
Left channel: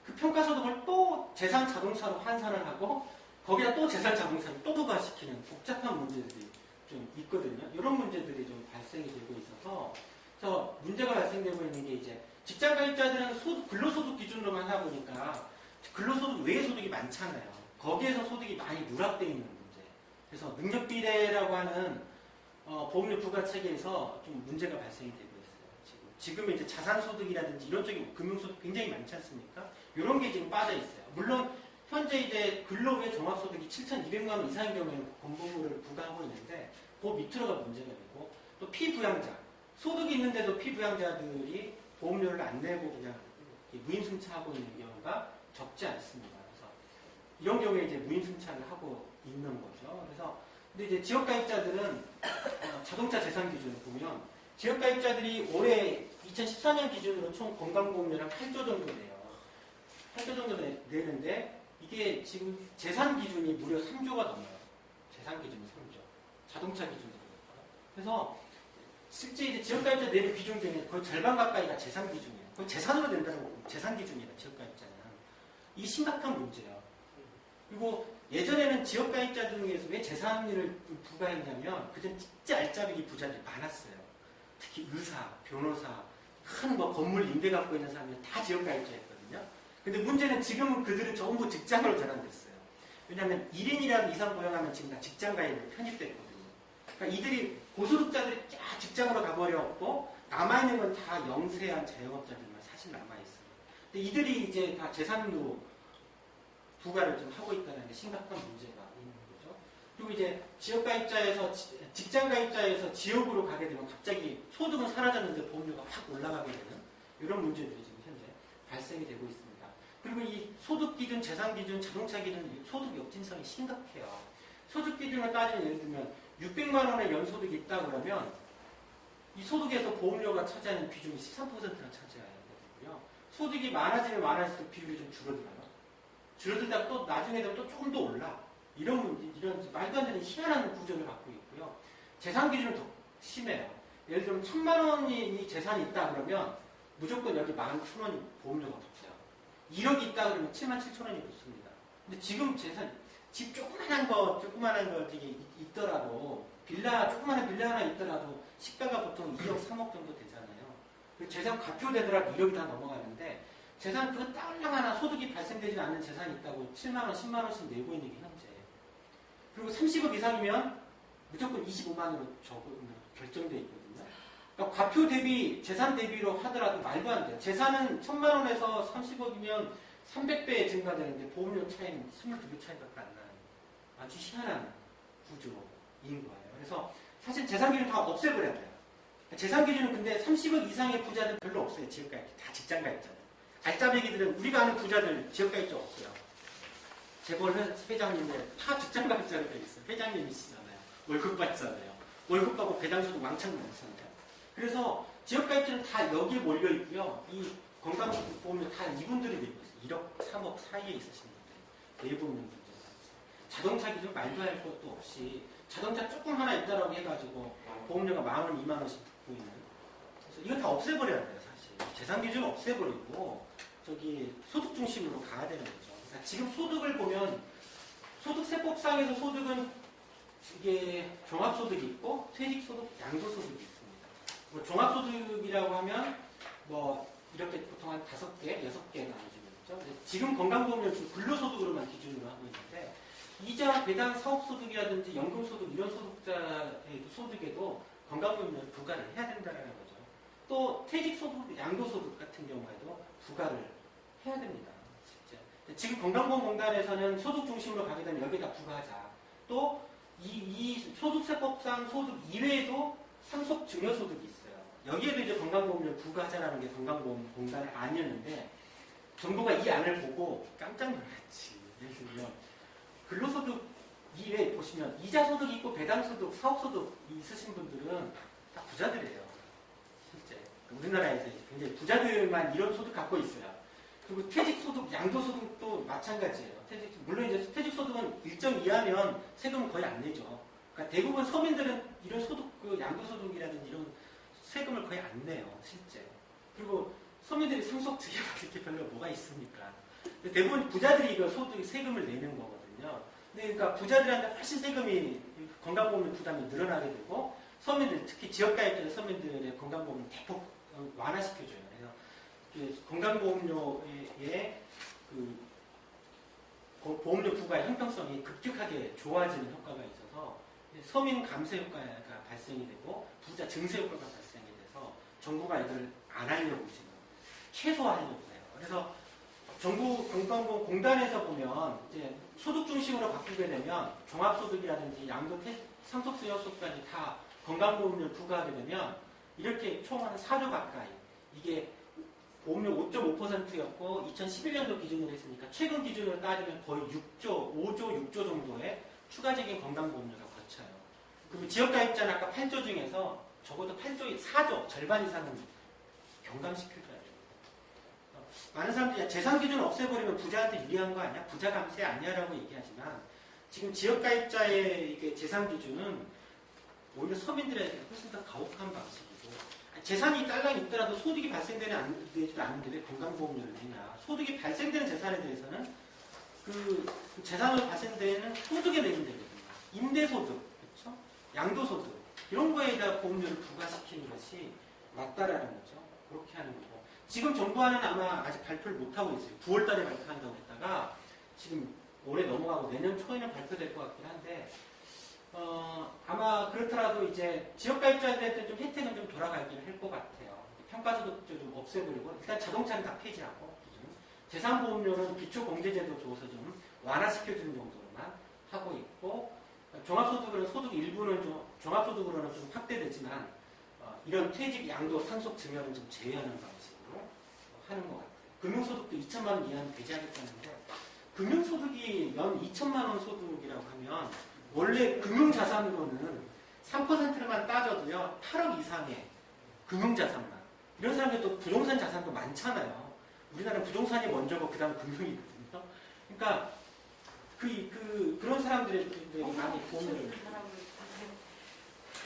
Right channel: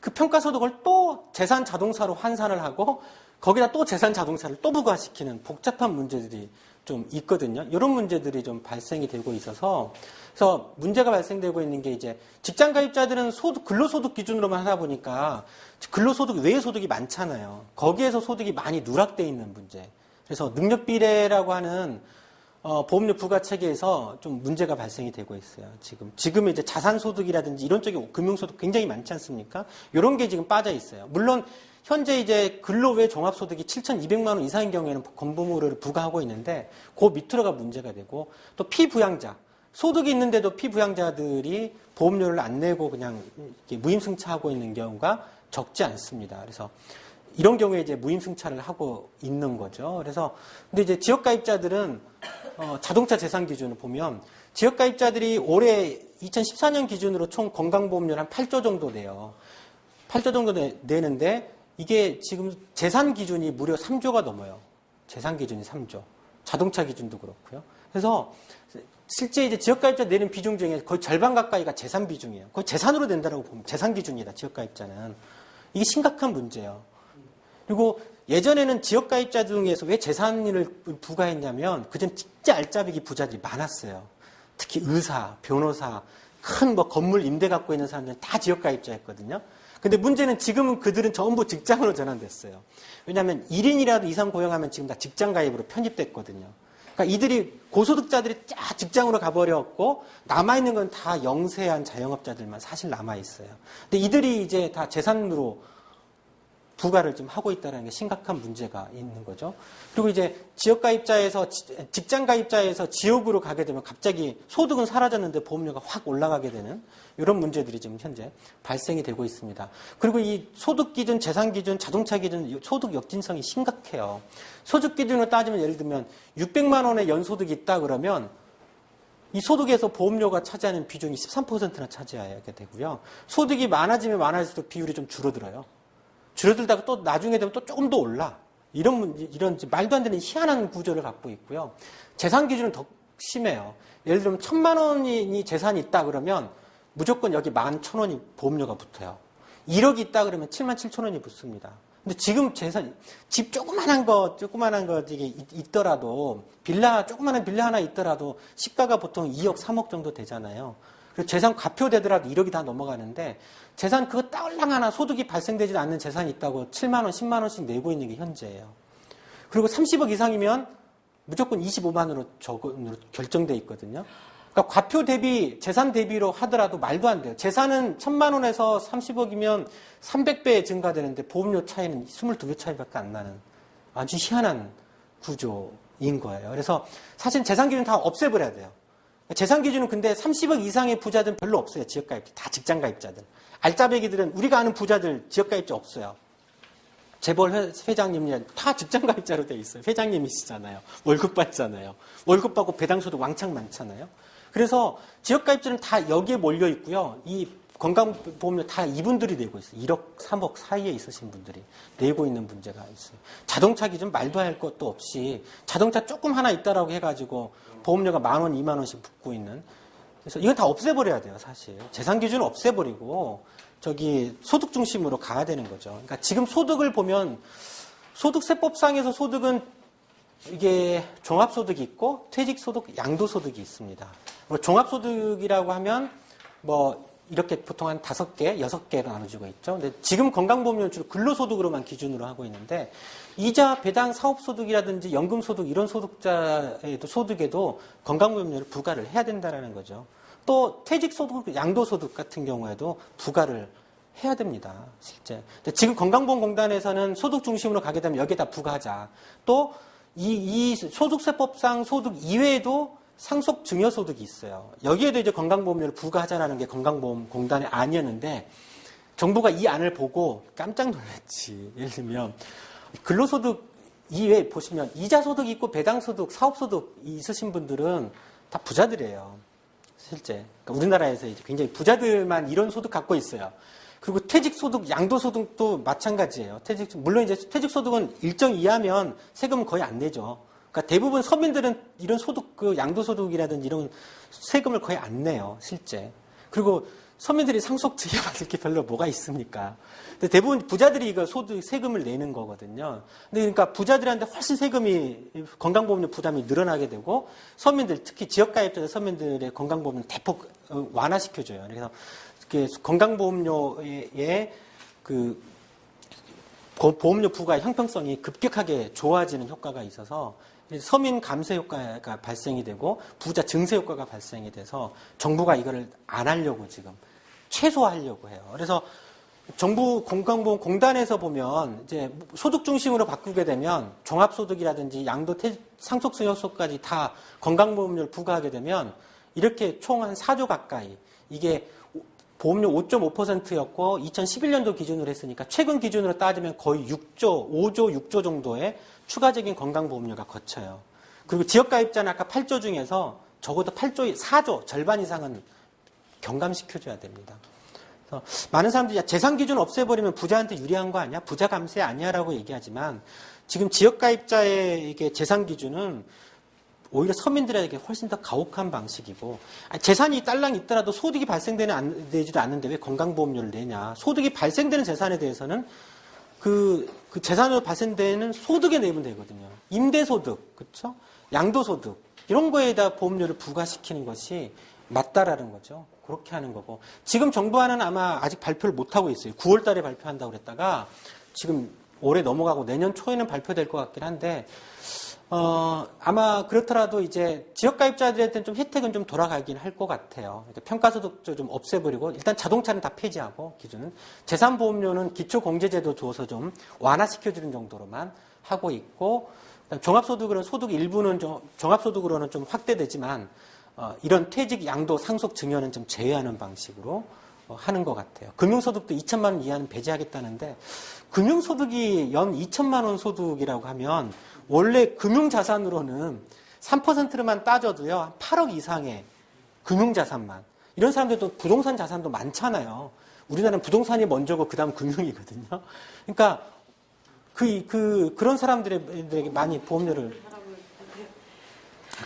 그 평가소득을 또 재산 자동차로 환산을 하고 거기다 또 재산 자동차를 또 부과시키는 복잡한 문제들이 좀 있거든요. 이런 문제들이 좀 발생이 되고 있어서 그래서 문제가 발생되고 있는 게 이제 직장가입자들은 근로소득 기준으로만 하다 보니까 근로소득 외의 소득이 많잖아요. 거기에서 소득이 많이 누락되어 있는 문제. 그래서 능력비례라고 하는 보험료 부과 체계에서 좀 문제가 발생이 되고 있어요. 지금 이제 자산소득이라든지 이런 쪽에 금융소득 굉장히 많지 않습니까? 이런 게 지금 빠져 있어요. 물론 현재 이제 근로외 종합소득이 7,200만 원 이상인 경우에는 건보료를 부과하고 있는데 그 밑으로가 문제가 되고 또 피부양자 소득이 있는데도 피부양자들이 보험료를 안 내고 그냥 무임승차하고 있는 경우가 적지 않습니다. 그래서 이런 경우에 이제 무임승차를 하고 있는 거죠. 그래서 근데 이제 지역가입자들은 자동차 재산 기준을 보면 지역가입자들이 올해 2014년 기준으로 총 건강보험료는 한 8조 정도 돼요. 8조 정도 내는데 이게 지금 재산 기준이 무려 3조가 넘어요. 재산 기준이 3조. 자동차 기준도 그렇고요. 그래서 실제 이제 지역가입자 내는 비중 중에 거의 절반 가까이가 재산 비중이에요. 거의 재산으로 낸다고 보면 재산 기준이다. 지역가입자는. 이게 심각한 문제예요. 그리고 예전에는 지역가입자 중에서 왜 재산을 부과했냐면 그전 진짜 알짜배기 부자들이 많았어요. 특히 의사, 변호사, 큰 뭐 건물 임대 갖고 있는 사람들은 다 지역가입자였거든요. 근데 문제는 지금은 그들은 전부 직장으로 전환됐어요. 왜냐하면 1인이라도 이상 고용하면 지금 다 직장가입으로 편입됐거든요. 그러니까 이들이 고소득자들이 쫙 직장으로 가버렸고 남아있는 건 다 영세한 자영업자들만 사실 남아있어요. 근데 이들이 이제 다 재산으로 부과를 좀 하고 있다는 게 심각한 문제가 있는 거죠. 그리고 이제 직장가입자에서 지역으로 가게 되면 갑자기 소득은 사라졌는데 보험료가 확 올라가게 되는 이런 문제들이 지금 현재 발생이 되고 있습니다. 그리고 이 소득 기준, 재산 기준, 자동차 기준, 소득 역진성이 심각해요. 소득 기준으로 따지면 예를 들면 600만 원의 연소득이 있다 그러면 이 소득에서 보험료가 차지하는 비중이 13%나 차지하게 되고요. 소득이 많아지면 많아질수록 비율이 좀 줄어들어요. 줄어들다가 또 나중에 되면 또 조금 더 올라. 이런 말도 안 되는 희한한 구조를 갖고 있고요. 재산 기준은 더 심해요. 예를 들면 1,000만 원이 재산이 있다 그러면 무조건 여기 11,000원이 보험료가 붙어요. 1억이 있다 그러면 77,000원이 붙습니다. 근데 지금 집 조그만한 거 있더라도 조그만한 빌라 하나 있더라도 시가가 보통 2억, 3억 정도 되잖아요. 그리고 재산 과표되더라도 1억이 다 넘어가는데 재산 그거 딸랑 하나 소득이 발생되지 않는 재산이 있다고 7만 원, 10만 원씩 내고 있는 게 현재예요. 그리고 30억 이상이면 무조건 25만으로 결정돼 있거든요. 그러니까 과표 대비, 재산 대비로 하더라도 말도 안 돼요. 재산은 1,000만 원에서 30억이면 300배 증가되는데 보험료 차이는 22배 차이밖에 안 나는 아주 희한한 구조인 거예요. 그래서 사실 재산 기준 다 없애버려야 돼요. 재산 기준은 근데 30억 이상의 부자들은 별로 없어요. 지역가입자. 다 직장가입자들. 알짜배기들은 우리가 아는 부자들 지역가입자 없어요. 재벌 회장님이 다 직장가입자로 돼 있어요. 회장님이시잖아요. 월급 받잖아요. 월급 받고 배당소득 왕창 많잖아요. 그래서 지역가입자는 다 여기에 몰려 있고요. 이 건강보험료 다 이분들이 내고 있어요. 1억, 3억 사이에 있으신 분들이 내고 있는 문제가 있어요. 자동차 기준 말도 할 것도 없이 자동차 조금 하나 있다라고 해가지고 보험료가 10,000원, 20,000원씩 붙고 있는. 그래서 이건 다 없애버려야 돼요, 사실. 재산 기준을 없애버리고 소득 중심으로 가야 되는 거죠. 그러니까 지금 소득을 보면 소득세법상에서 소득은 이게 종합소득이 있고 퇴직소득, 양도소득이 있습니다. 종합소득이라고 하면 이렇게 보통 한 5개, 6개로 나눠지고 있죠. 근데 지금 건강보험료는 주로 근로소득으로만 기준으로 하고 있는데 이자, 배당, 사업소득이라든지 연금소득 이런 소득에도 건강보험료를 부과를 해야 된다는 거죠. 또 퇴직소득, 양도소득 같은 경우에도 부과를 해야 됩니다. 실제. 근데 지금 건강보험공단에서는 소득 중심으로 가게 되면 여기에다 부과하자. 또 이 소득세법상 소득 이외에도 상속 증여소득이 있어요. 여기에도 이제 건강보험료를 부과하자라는 게 건강보험공단의 안이었는데 정부가 이 안을 보고 깜짝 놀랐지. 예를 들면 근로소득 이외에 보시면 이자소득 있고 배당소득, 사업소득 있으신 분들은 다 부자들이에요. 실제. 그러니까 우리나라에서 이제 굉장히 부자들만 이런 소득 갖고 있어요. 그리고 퇴직소득, 양도소득도 마찬가지예요. 물론 이제 퇴직소득은 일정 이하면 세금은 거의 안 내죠. 그러니까 대부분 서민들은 이런 소득, 그 양도소득이라든지 이런 세금을 거의 안 내요. 실제. 그리고 서민들이 상속증여 받을 게 별로 뭐가 있습니까? 근데 대부분 부자들이 이거 세금을 내는 거거든요. 근데 그러니까 부자들한테 훨씬 세금이, 건강보험료 부담이 늘어나게 되고, 서민들, 특히 지역가입자들 서민들의 건강보험을 대폭 완화시켜줘요. 그래서 건강보험료의 그 보험료 부과의 형평성이 급격하게 좋아지는 효과가 있어서 서민 감세 효과가 발생이 되고 부자 증세 효과가 발생이 돼서 정부가 이거를 안 하려고 지금 최소화하려고 해요. 그래서 정부 건강보험공단에서 보면 이제 소득 중심으로 바꾸게 되면 종합소득이라든지 양도 상속증여소까지 다 건강보험료를 부과하게 되면 이렇게 총 한 4조 가까이 이게 보험료 5.5%였고 2011년도 기준으로 했으니까 최근 기준으로 따지면 거의 5조 6조 정도의 추가적인 건강보험료가 거쳐요. 그리고 지역가입자는 아까 8조 중에서 적어도 4조 절반 이상은 경감시켜줘야 됩니다. 그래서 많은 사람들이 재산 기준 없애버리면 부자한테 유리한 거 아니야? 부자 감세 아니야? 라고 얘기하지만 지금 지역가입자의 이게 재산 기준은 오히려 서민들에게 훨씬 더 가혹한 방식이고 재산이 딸랑 있더라도 소득이 발생되지도 않는데 왜 건강보험료를 내냐. 소득이 발생되는 재산에 대해서는 그 재산으로 발생되는 소득에 내면 되거든요. 임대소득, 그렇죠? 양도소득 이런 거에다 보험료를 부과시키는 것이 맞다라는 거죠. 그렇게 하는 거고 지금 정부안은 아마 아직 발표를 못 하고 있어요. 9월 달에 발표한다고 그랬다가 지금 올해 넘어가고 내년 초에는 발표될 것 같긴 한데 아마 그렇더라도 이제 지역가입자들한테는 좀 혜택은 좀 돌아가긴 할 것 같아요. 그러니까 평가소득도 좀 없애버리고 일단 자동차는 다 폐지하고 기준은 재산보험료는 기초공제제도 줘서 좀 완화시켜주는 정도로만 하고 있고 종합소득으로는 소득 일부는 좀 종합소득으로는 좀 확대되지만 이런 퇴직 양도 상속 증여는 좀 제외하는 방식으로 하는 것 같아요. 금융소득도 2천만 원 이하는 배제하겠다는데 금융소득이 연 2천만 원 소득이라고 하면 원래 금융자산으로는 3%만 따져도요 8억 이상의 금융자산만 이런 사람들도 부동산 자산도 많잖아요. 우리나라는 부동산이 먼저고 그 다음 금융이거든요. 그러니까 그런 사람들에게 많이 보험료를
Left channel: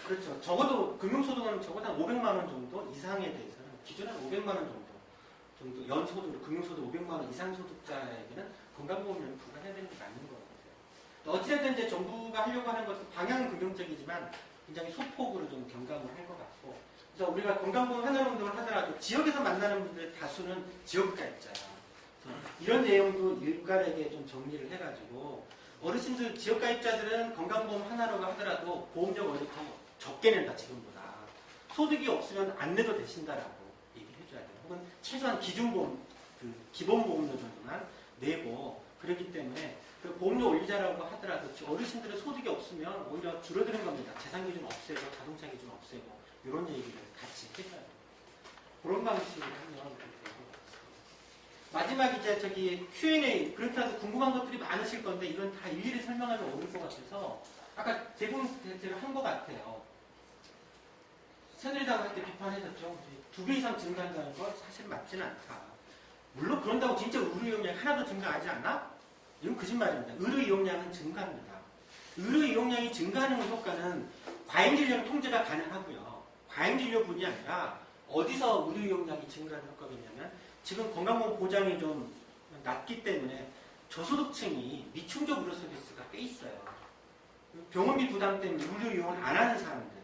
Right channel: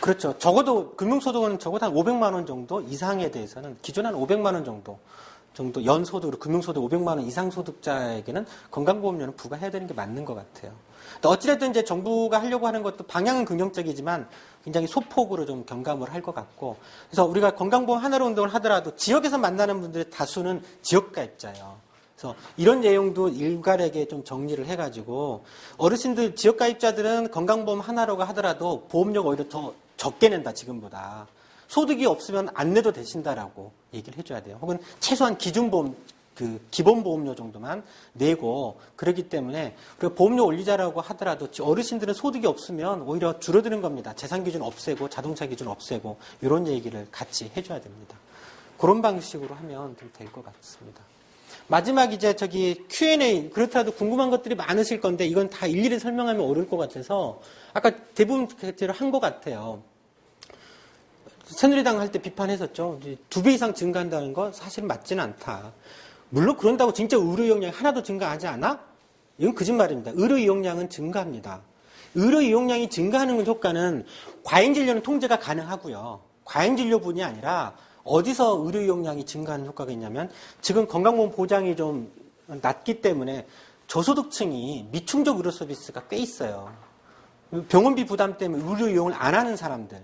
그렇죠. 적어도 금융소득은 적어도 한 500만 원 정도 이상에 대해서는 기존 한 500만 원 정도 연소득으로 금융소득 500만 원 이상 소득자에게는 건강보험료는 부과해야 되는 게 맞는 것 같아요. 어찌됐든 이제 정부가 하려고 하는 것도 방향은 긍정적이지만 굉장히 소폭으로 좀 경감을 할 것 같고 그래서 우리가 건강보험 하나로 운동을 하더라도 지역에서 만나는 분들의 다수는 지역가입자예요. 그래서 이런 내용도 일괄에게 좀 정리를 해가지고 어르신들 지역가입자들은 건강보험 하나라고 하더라도 보험료가 오히려 더 적게 낸다 지금보다 소득이 없으면 안 내도 되신다라고 얘기를 해줘야 돼요. 혹은 최소한 기준보험 기본보험료 정도만 내고 그렇기 때문에 우리가 보험료 올리자라고 하더라도 어르신들은 소득이 없으면 오히려 줄어드는 겁니다. 재산 기준 없애고 자동차 기준 없애고 이런 얘기를 같이 해줘야 됩니다. 그런 방식으로 하면 좀 될 것 같습니다. 마지막 이제 Q&A 그렇다도 궁금한 것들이 많으실 건데 이건 다 일일이 설명하면 어려울 것 같아서 아까 대부분 대로 한 것 같아요. 새누리당 할 때 비판했었죠. 2배 이상 증가한다는 건 사실 맞지는 않다. 물론 그런다고 진짜 의료 이용량이 하나도 증가하지 않아? 이건 거짓말입니다. 의료 이용량은 증가합니다. 의료 이용량이 증가하는 효과는 과잉진료는 통제가 가능하고요. 과잉진료뿐이 아니라 어디서 의료 이용량이 증가하는 효과가 있냐면 지금 건강보험 보장이 좀 낮기 때문에 저소득층이 미충족 의료 서비스가 꽤 있어요. 병원비 부담 때문에 의료 이용을 안 하는 사람들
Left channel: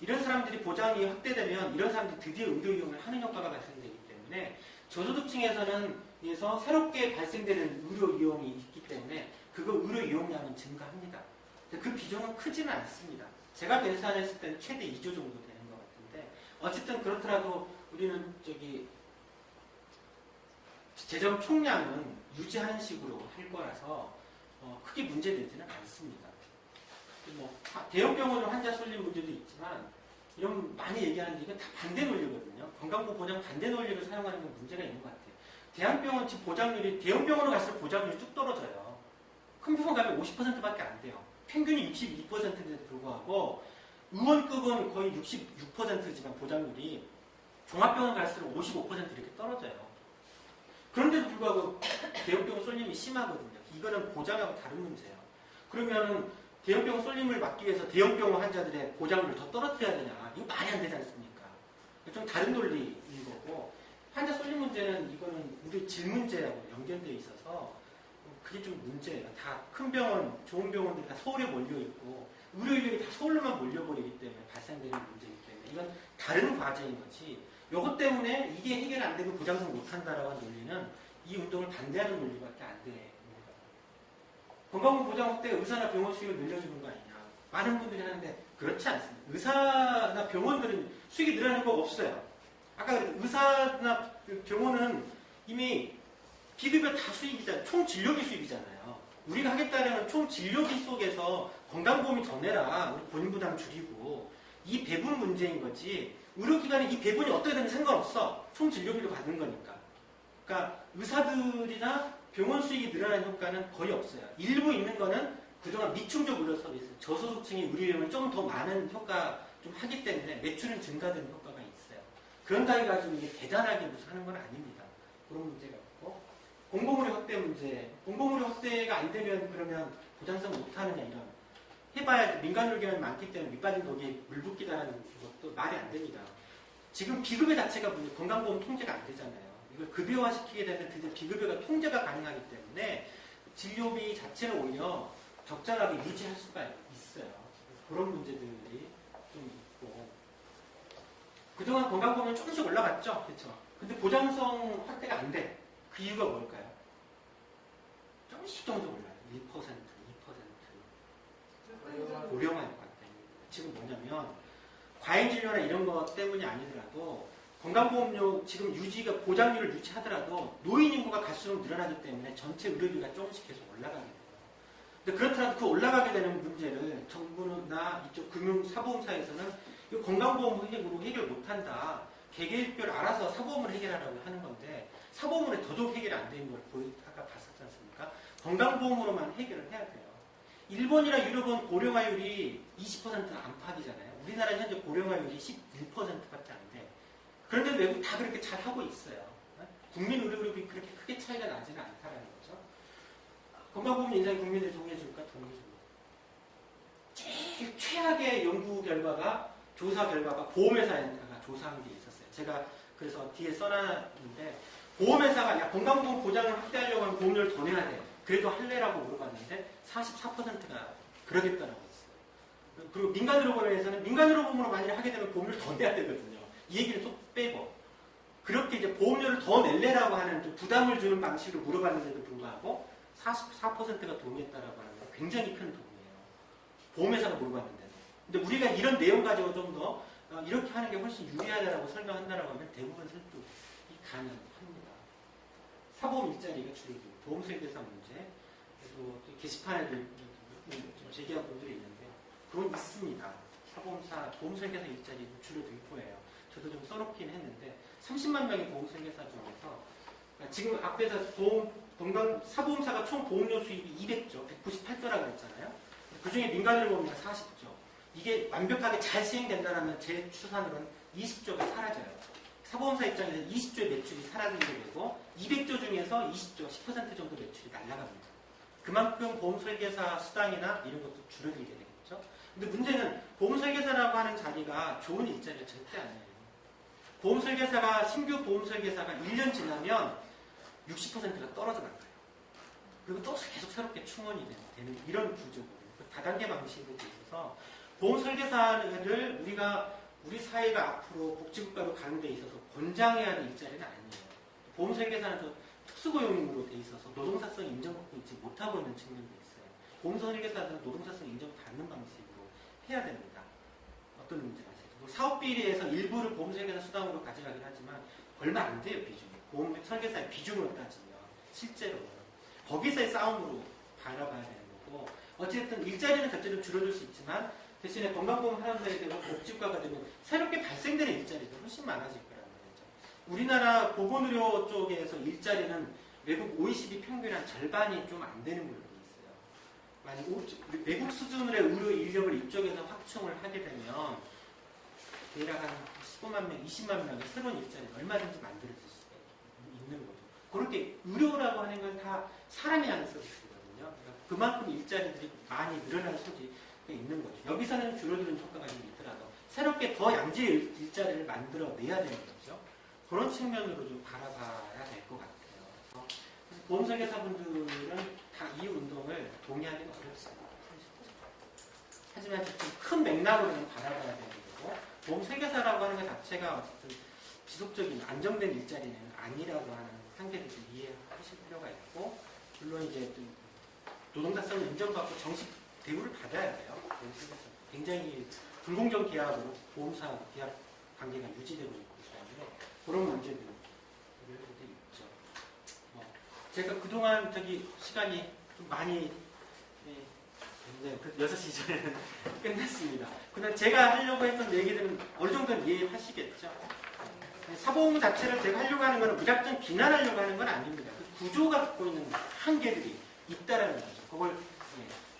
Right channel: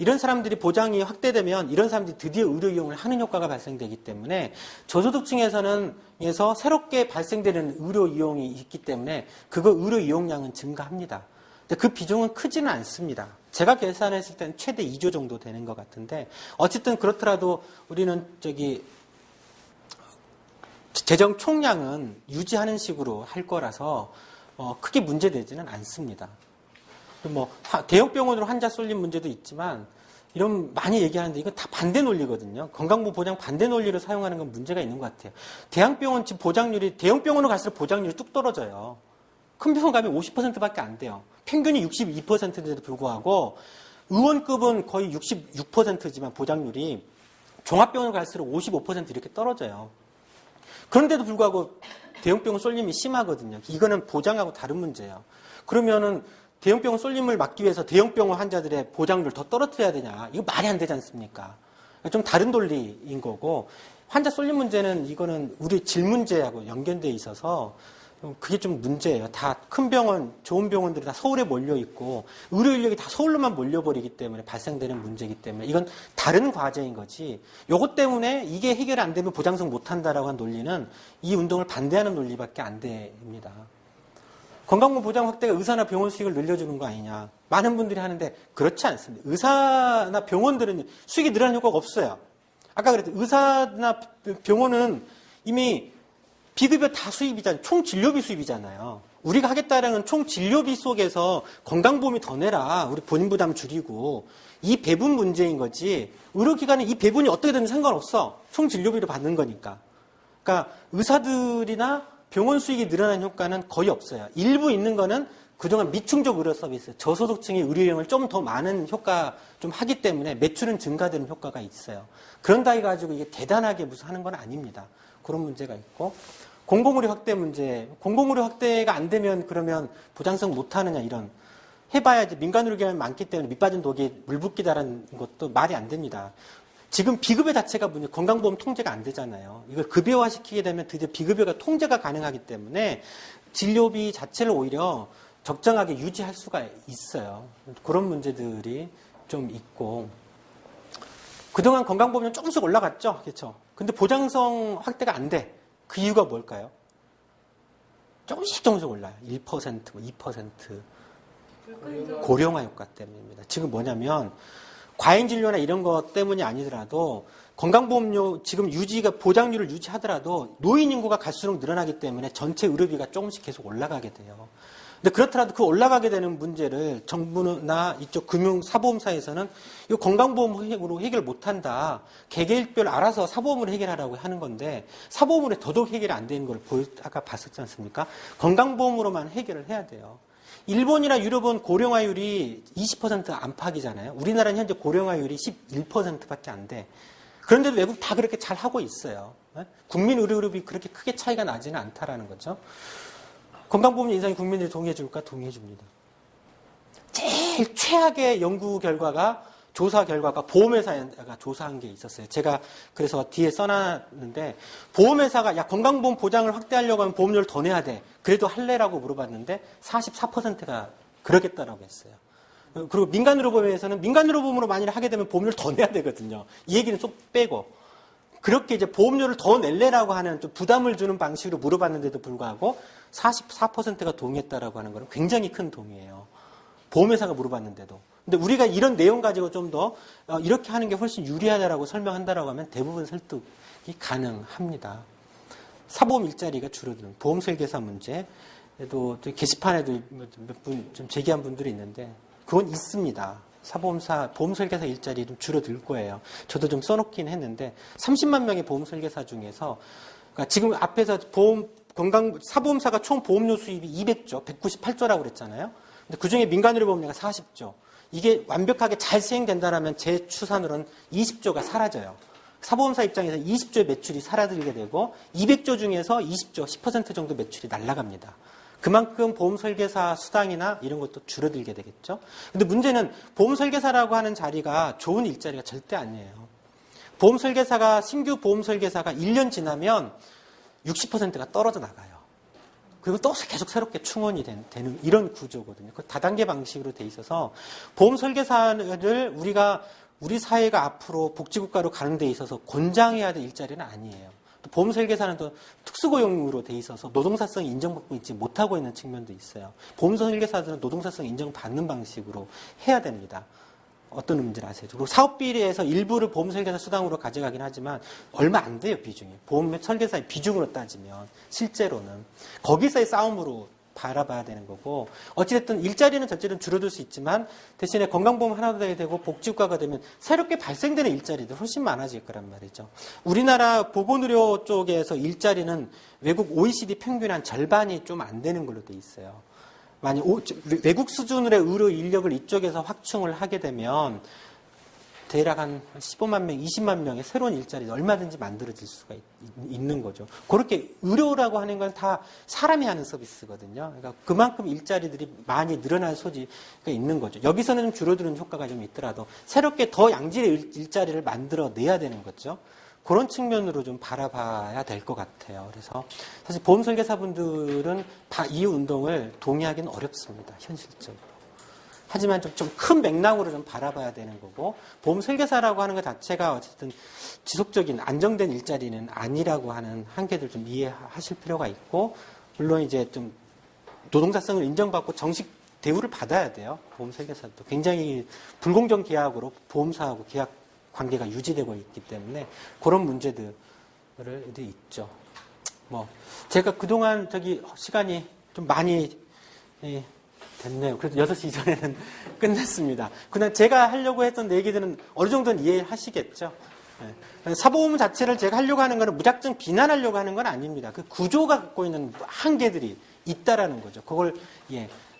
이런 사람들이 보장이 확대되면 이런 사람들이 드디어 의료 이용을 하는 효과가 발생되기 때문에 저소득층에서는 새롭게 발생되는 의료 이용이 있기 때문에 그거 의료 이용량은 증가합니다. 근데 그 비중은 크지는 않습니다. 제가 계산했을 때는 최대 2조 정도 되는 것 같은데 어쨌든 그렇더라도 우리는 재정 총량은 유지하는 식으로 할 거라서 크게 문제되지는 않습니다. 또 뭐 대형 병원으로 환자 쏠림 문제도 있지만 이런 많이 얘기하는데 이건 다 반대 논리거든요. 건강보험 보장 반대 논리로 사용하는 건 문제가 있는 것 같아요. 대형병원 지금 보장률이 대형 병원으로 갈수록 보장률이 뚝 떨어져요. 큰 병원 가면 50%밖에 안 돼요. 평균이 62%인데도 불구하고 의원급은 거의 66%지만 보장률이 종합병원 갈수록 55% 이렇게 떨어져요. 그런데도 불구하고 대형병원 쏠림이 심하거든요. 이거는 보장하고 다른 문제예요. 그러면은 대형병원 쏠림을 막기 위해서 대형병원 환자들의 보장률을 더 떨어뜨려야 되냐? 이거 말이 안 되지 않습니까? 좀 다른 논리인 거고 환자 쏠림 문제는 이거는 우리 질 문제하고 연결돼 있어서 그게 좀 문제예요. 다 큰 병원, 좋은 병원들이 다 서울에 몰려 있고 의료 인력이 다 서울로만 몰려버리기 때문에 발생되는 문제이기 때문에 이건 다른 과제인 거지. 요것 때문에 이게 해결 안 되면 보장성 못 한다라고 한 논리는 이 운동을 반대하는 논리밖에 안 됩니다. 건강보험 보장 확대가 의사나 병원 수익을 늘려주는 거 아니냐. 많은 분들이 하는데 그렇지 않습니다. 의사나 병원들은 수익이 늘어나는 효과가 없어요. 아까 그랬듯 의사나 병원은 이미 비급여 다 수입이잖아요. 총 진료비 수입이잖아요. 우리가 하겠다는 건 총 진료비 속에서 건강보험이 더 내라. 우리 본인 부담 줄이고 이 배분 문제인 거지. 의료기관은 이 배분이 어떻게 되든 상관없어. 총 진료비로 받는 거니까. 그러니까 의사들이나 병원 수익이 늘어나는 효과는 거의 없어요. 일부 있는 거는 그동안 미충족 의료 서비스, 저소득층의 의료용을 좀 더 많은 효과 좀 하기 때문에 매출은 증가되는 효과가 있어요. 그런다 해가지고 이게 대단하게 무슨 하는 건 아닙니다. 그런 문제가 있고. 공공의료 확대 문제. 공공의료 확대가 안 되면 그러면 보장성 못 하느냐 이런. 해봐야지 민간의료기관이 많기 때문에 밑빠진 독에 물 붓기다라는 것도 말이 안 됩니다. 지금 비급여 자체가 건강보험 통제가 안 되잖아요. 이걸 급여화 시키게 되면 드디어 비급여가 통제가 가능하기 때문에 진료비 자체를 오히려 적정하게 유지할 수가 있어요. 그런 문제들이 좀 있고. 그동안 건강보험료 조금씩 올라갔죠? 그렇죠? 근데 보장성 확대가 안 돼. 그 이유가 뭘까요? 조금씩 올라요. 1%, 2%. 고령화 효과 때문입니다. 지금 뭐냐면 과잉 진료나 이런 것 때문이 아니더라도 건강보험료 지금 유지가 보장률을 유지하더라도 노인 인구가 갈수록 늘어나기 때문에 전체 의료비가 조금씩 계속 올라가게 돼요. 근데 그렇더라도 그 올라가게 되는 문제를 정부나 이쪽 금융 사보험사에서는 이 건강보험으로 해결 못한다. 개개인별 알아서 사보험으로 해결하라고 하는 건데 사보험으로 더더욱 해결이 안 되는 걸 아까 봤었지 않습니까? 건강보험으로만 해결을 해야 돼요. 일본이나 유럽은 고령화율이 20% 안팎이잖아요. 우리나라는 현재 고령화율이 11%밖에 안 돼. 그런데도 외국 다 그렇게 잘 하고 있어요. 국민 의료비 그렇게 크게 차이가 나지는 않다라는 거죠. 건강보험 인상이 국민들이 동의해 줄까? 동의해 줍니다. 제일 최악의 연구 결과가 조사 결과가 보험회사가 조사한 게 있었어요. 제가 그래서 뒤에 써놨는데 보험회사가 야 건강보험 보장을 확대하려고 하면 보험료를 더 내야 돼. 그래도 할래라고 물어봤는데 44%가 그러겠다라고 했어요. 그리고 민간의료보험에서는 민간의료보험으로 만일 하게 되면 보험료를 더 내야 되거든요. 이 얘기는 좀 빼고 그렇게 이제 보험료를 더 낼래라고 하는 좀 부담을 주는 방식으로 물어봤는데도 불구하고 44%가 동의했다라고 하는 건 굉장히 큰 동의예요. 보험회사가 물어봤는데도. 근데 우리가 이런 내용 가지고 좀 더 이렇게 하는 게 훨씬 유리하다라고 설명한다라고 하면 대부분 설득이 가능합니다. 사보험 일자리가 줄어드는 보험 설계사 문제. 또 게시판에도 몇 분 좀 제기한 분들이 있는데 그건 있습니다. 사보험사 보험 설계사 일자리 좀 줄어들 거예요. 저도 좀 써놓긴 했는데 30만 명의 보험 설계사 중에서 그러니까 지금 앞에서 사보험사가 총 보험료 수입이 200조, 198조라고 그랬잖아요. 근데 그 중에 민간의료보험료가 40조. 이게 완벽하게 잘 시행된다면 제 추산으로는 20조가 사라져요. 사보험사 입장에서 20조의 매출이 사라지게 되고 200조 중에서 20조, 10% 정도 매출이 날아갑니다. 그만큼 보험 설계사 수당이나 이런 것도 줄어들게 되겠죠. 근데 문제는 보험 설계사라고 하는 자리가 좋은 일자리가 절대 아니에요. 신규 보험 설계사가 1년 지나면 60%가 떨어져 나가요. 그리고 또 계속 새롭게 충원이 되는 이런 구조거든요. 그 다단계 방식으로 돼 있어서 보험 설계사를 우리 사회가 앞으로 복지국가로 가는 데 있어서 권장해야 될 일자리는 아니에요. 또 보험 설계사는 또 특수고용으로 돼 있어서 노동사성 인정받고 있지 못하고 있는 측면도 있어요. 보험 설계사들은 노동사성 인정받는 방식으로 해야 됩니다. 어떤 문제를 아세요? 그리고 사업비리에서 일부를 보험 설계사 수당으로 가져가긴 하지만 얼마 안 돼요, 비중이. 보험 설계사의 비중으로 따지면 실제로는 거기서의 싸움으로 바라봐야 되는 거고, 어찌됐든 일자리는 절대로 줄어들 수 있지만 대신에 건강보험 하나 더 되고 복지국가가 되면 새롭게 발생되는 일자리도 훨씬 많아질 거란 말이죠. 우리나라 보건의료 쪽에서 일자리는 외국 OECD 평균 한 절반이 좀 안 되는 걸로 돼 있어요. 만약 외국 수준의 의료 인력을 이쪽에서 확충을 하게 되면 대략 한 15만 명, 20만 명의 새로운 일자리를 얼마든지 만들어질 수가 있는 거죠. 그렇게 의료라고 하는 건 다 사람이 하는 서비스거든요. 그러니까 그만큼 일자리들이 많이 늘어날 소지가 있는 거죠. 여기서는 좀 줄어드는 효과가 좀 있더라도 새롭게 더 양질의 일자리를 만들어내야 되는 거죠. 그런 측면으로 좀 바라봐야 될 것 같아요. 그래서 사실 보험 설계사분들은 이 운동을 동의하기는 어렵습니다. 현실적으로. 하지만 좀 큰 맥락으로 좀 바라봐야 되는 거고, 보험 설계사라고 하는 것 자체가 어쨌든 지속적인 안정된 일자리는 아니라고 하는 한계들 좀 이해하실 필요가 있고, 물론 이제 좀 노동자성을 인정받고 정식 대우를 받아야 돼요. 보험 설계사도 굉장히 불공정 계약으로 보험사하고 계약 관계가 유지되고 있기 때문에 그런 문제들이 있죠. 뭐 제가 그동안 시간이 좀 많이 됐네요. 그래도 6시 이전에는 끝냈습니다. 그냥 제가 하려고 했던 얘기들은 어느 정도는 이해하시겠죠. 네. 사보험 자체를 제가 하려고 하는 것은 무작정 비난하려고 하는 건 아닙니다. 그 구조가 갖고 있는 한계들이 있다라는 거죠. 그걸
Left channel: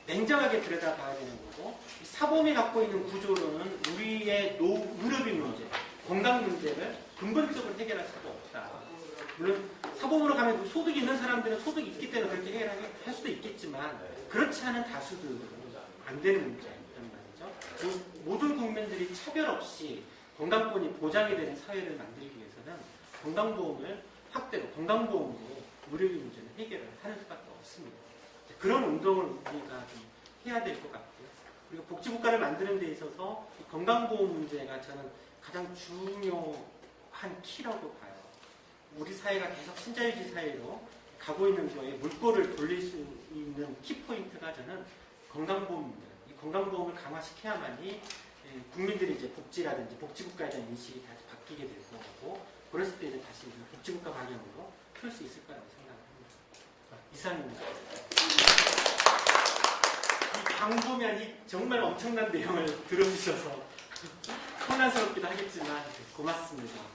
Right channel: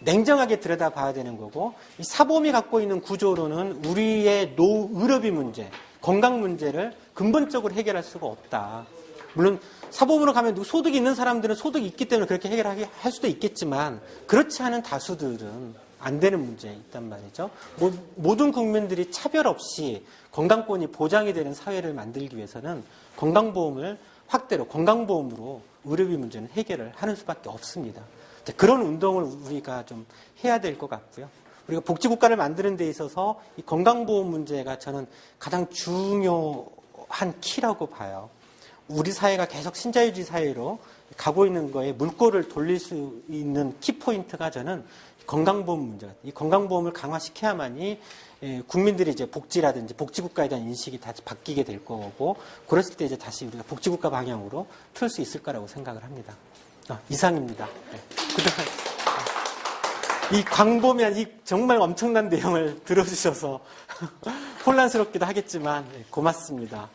냉정하게 들여다봐야 되는 거고, 이 사보험이 갖고 있는 구조로는 우리의 의료비 문제, 건강 문제를 근본적으로 해결할 수가 없다. 물론 사보험으로 가면 소득이 있는 사람들은 소득이 있기 때문에 그렇게 해결할 수도 있겠지만 그렇지 않은 다수들은 안 되는 문제가 있단 말이죠. 모든 국민들이 차별 없이 건강권이 보장이 되는 사회를 만들기 위해서는 건강보험을 확대로 건강보험으로 의료비 문제는 해결을 하는 수밖에 없습니다. 그런 운동을 우리가 좀 해야 될 것 같고요. 우리가 복지국가를 만드는 데 있어서 이 건강보험 문제가 저는 가장 중요한 키라고 봐요. 우리 사회가 계속 신자유주의 사회로 가고 있는 거에 물꼬를 돌릴 수 있는 키포인트가 저는 건강보험 문제가, 이 건강보험을 강화시켜야만이 국민들이 이제 복지라든지 복지국가에 대한 인식이 다시 바뀌게 될 거고, 그랬을 때 이제 다시 우리가 복지국가 방향으로 틀 수 있을 거라고 생각을 합니다. 이상입니다. 이 광범위한 이 정말 엄청난 내용을 들어주셔서 혼란스럽기도 하겠지만 고맙습니다.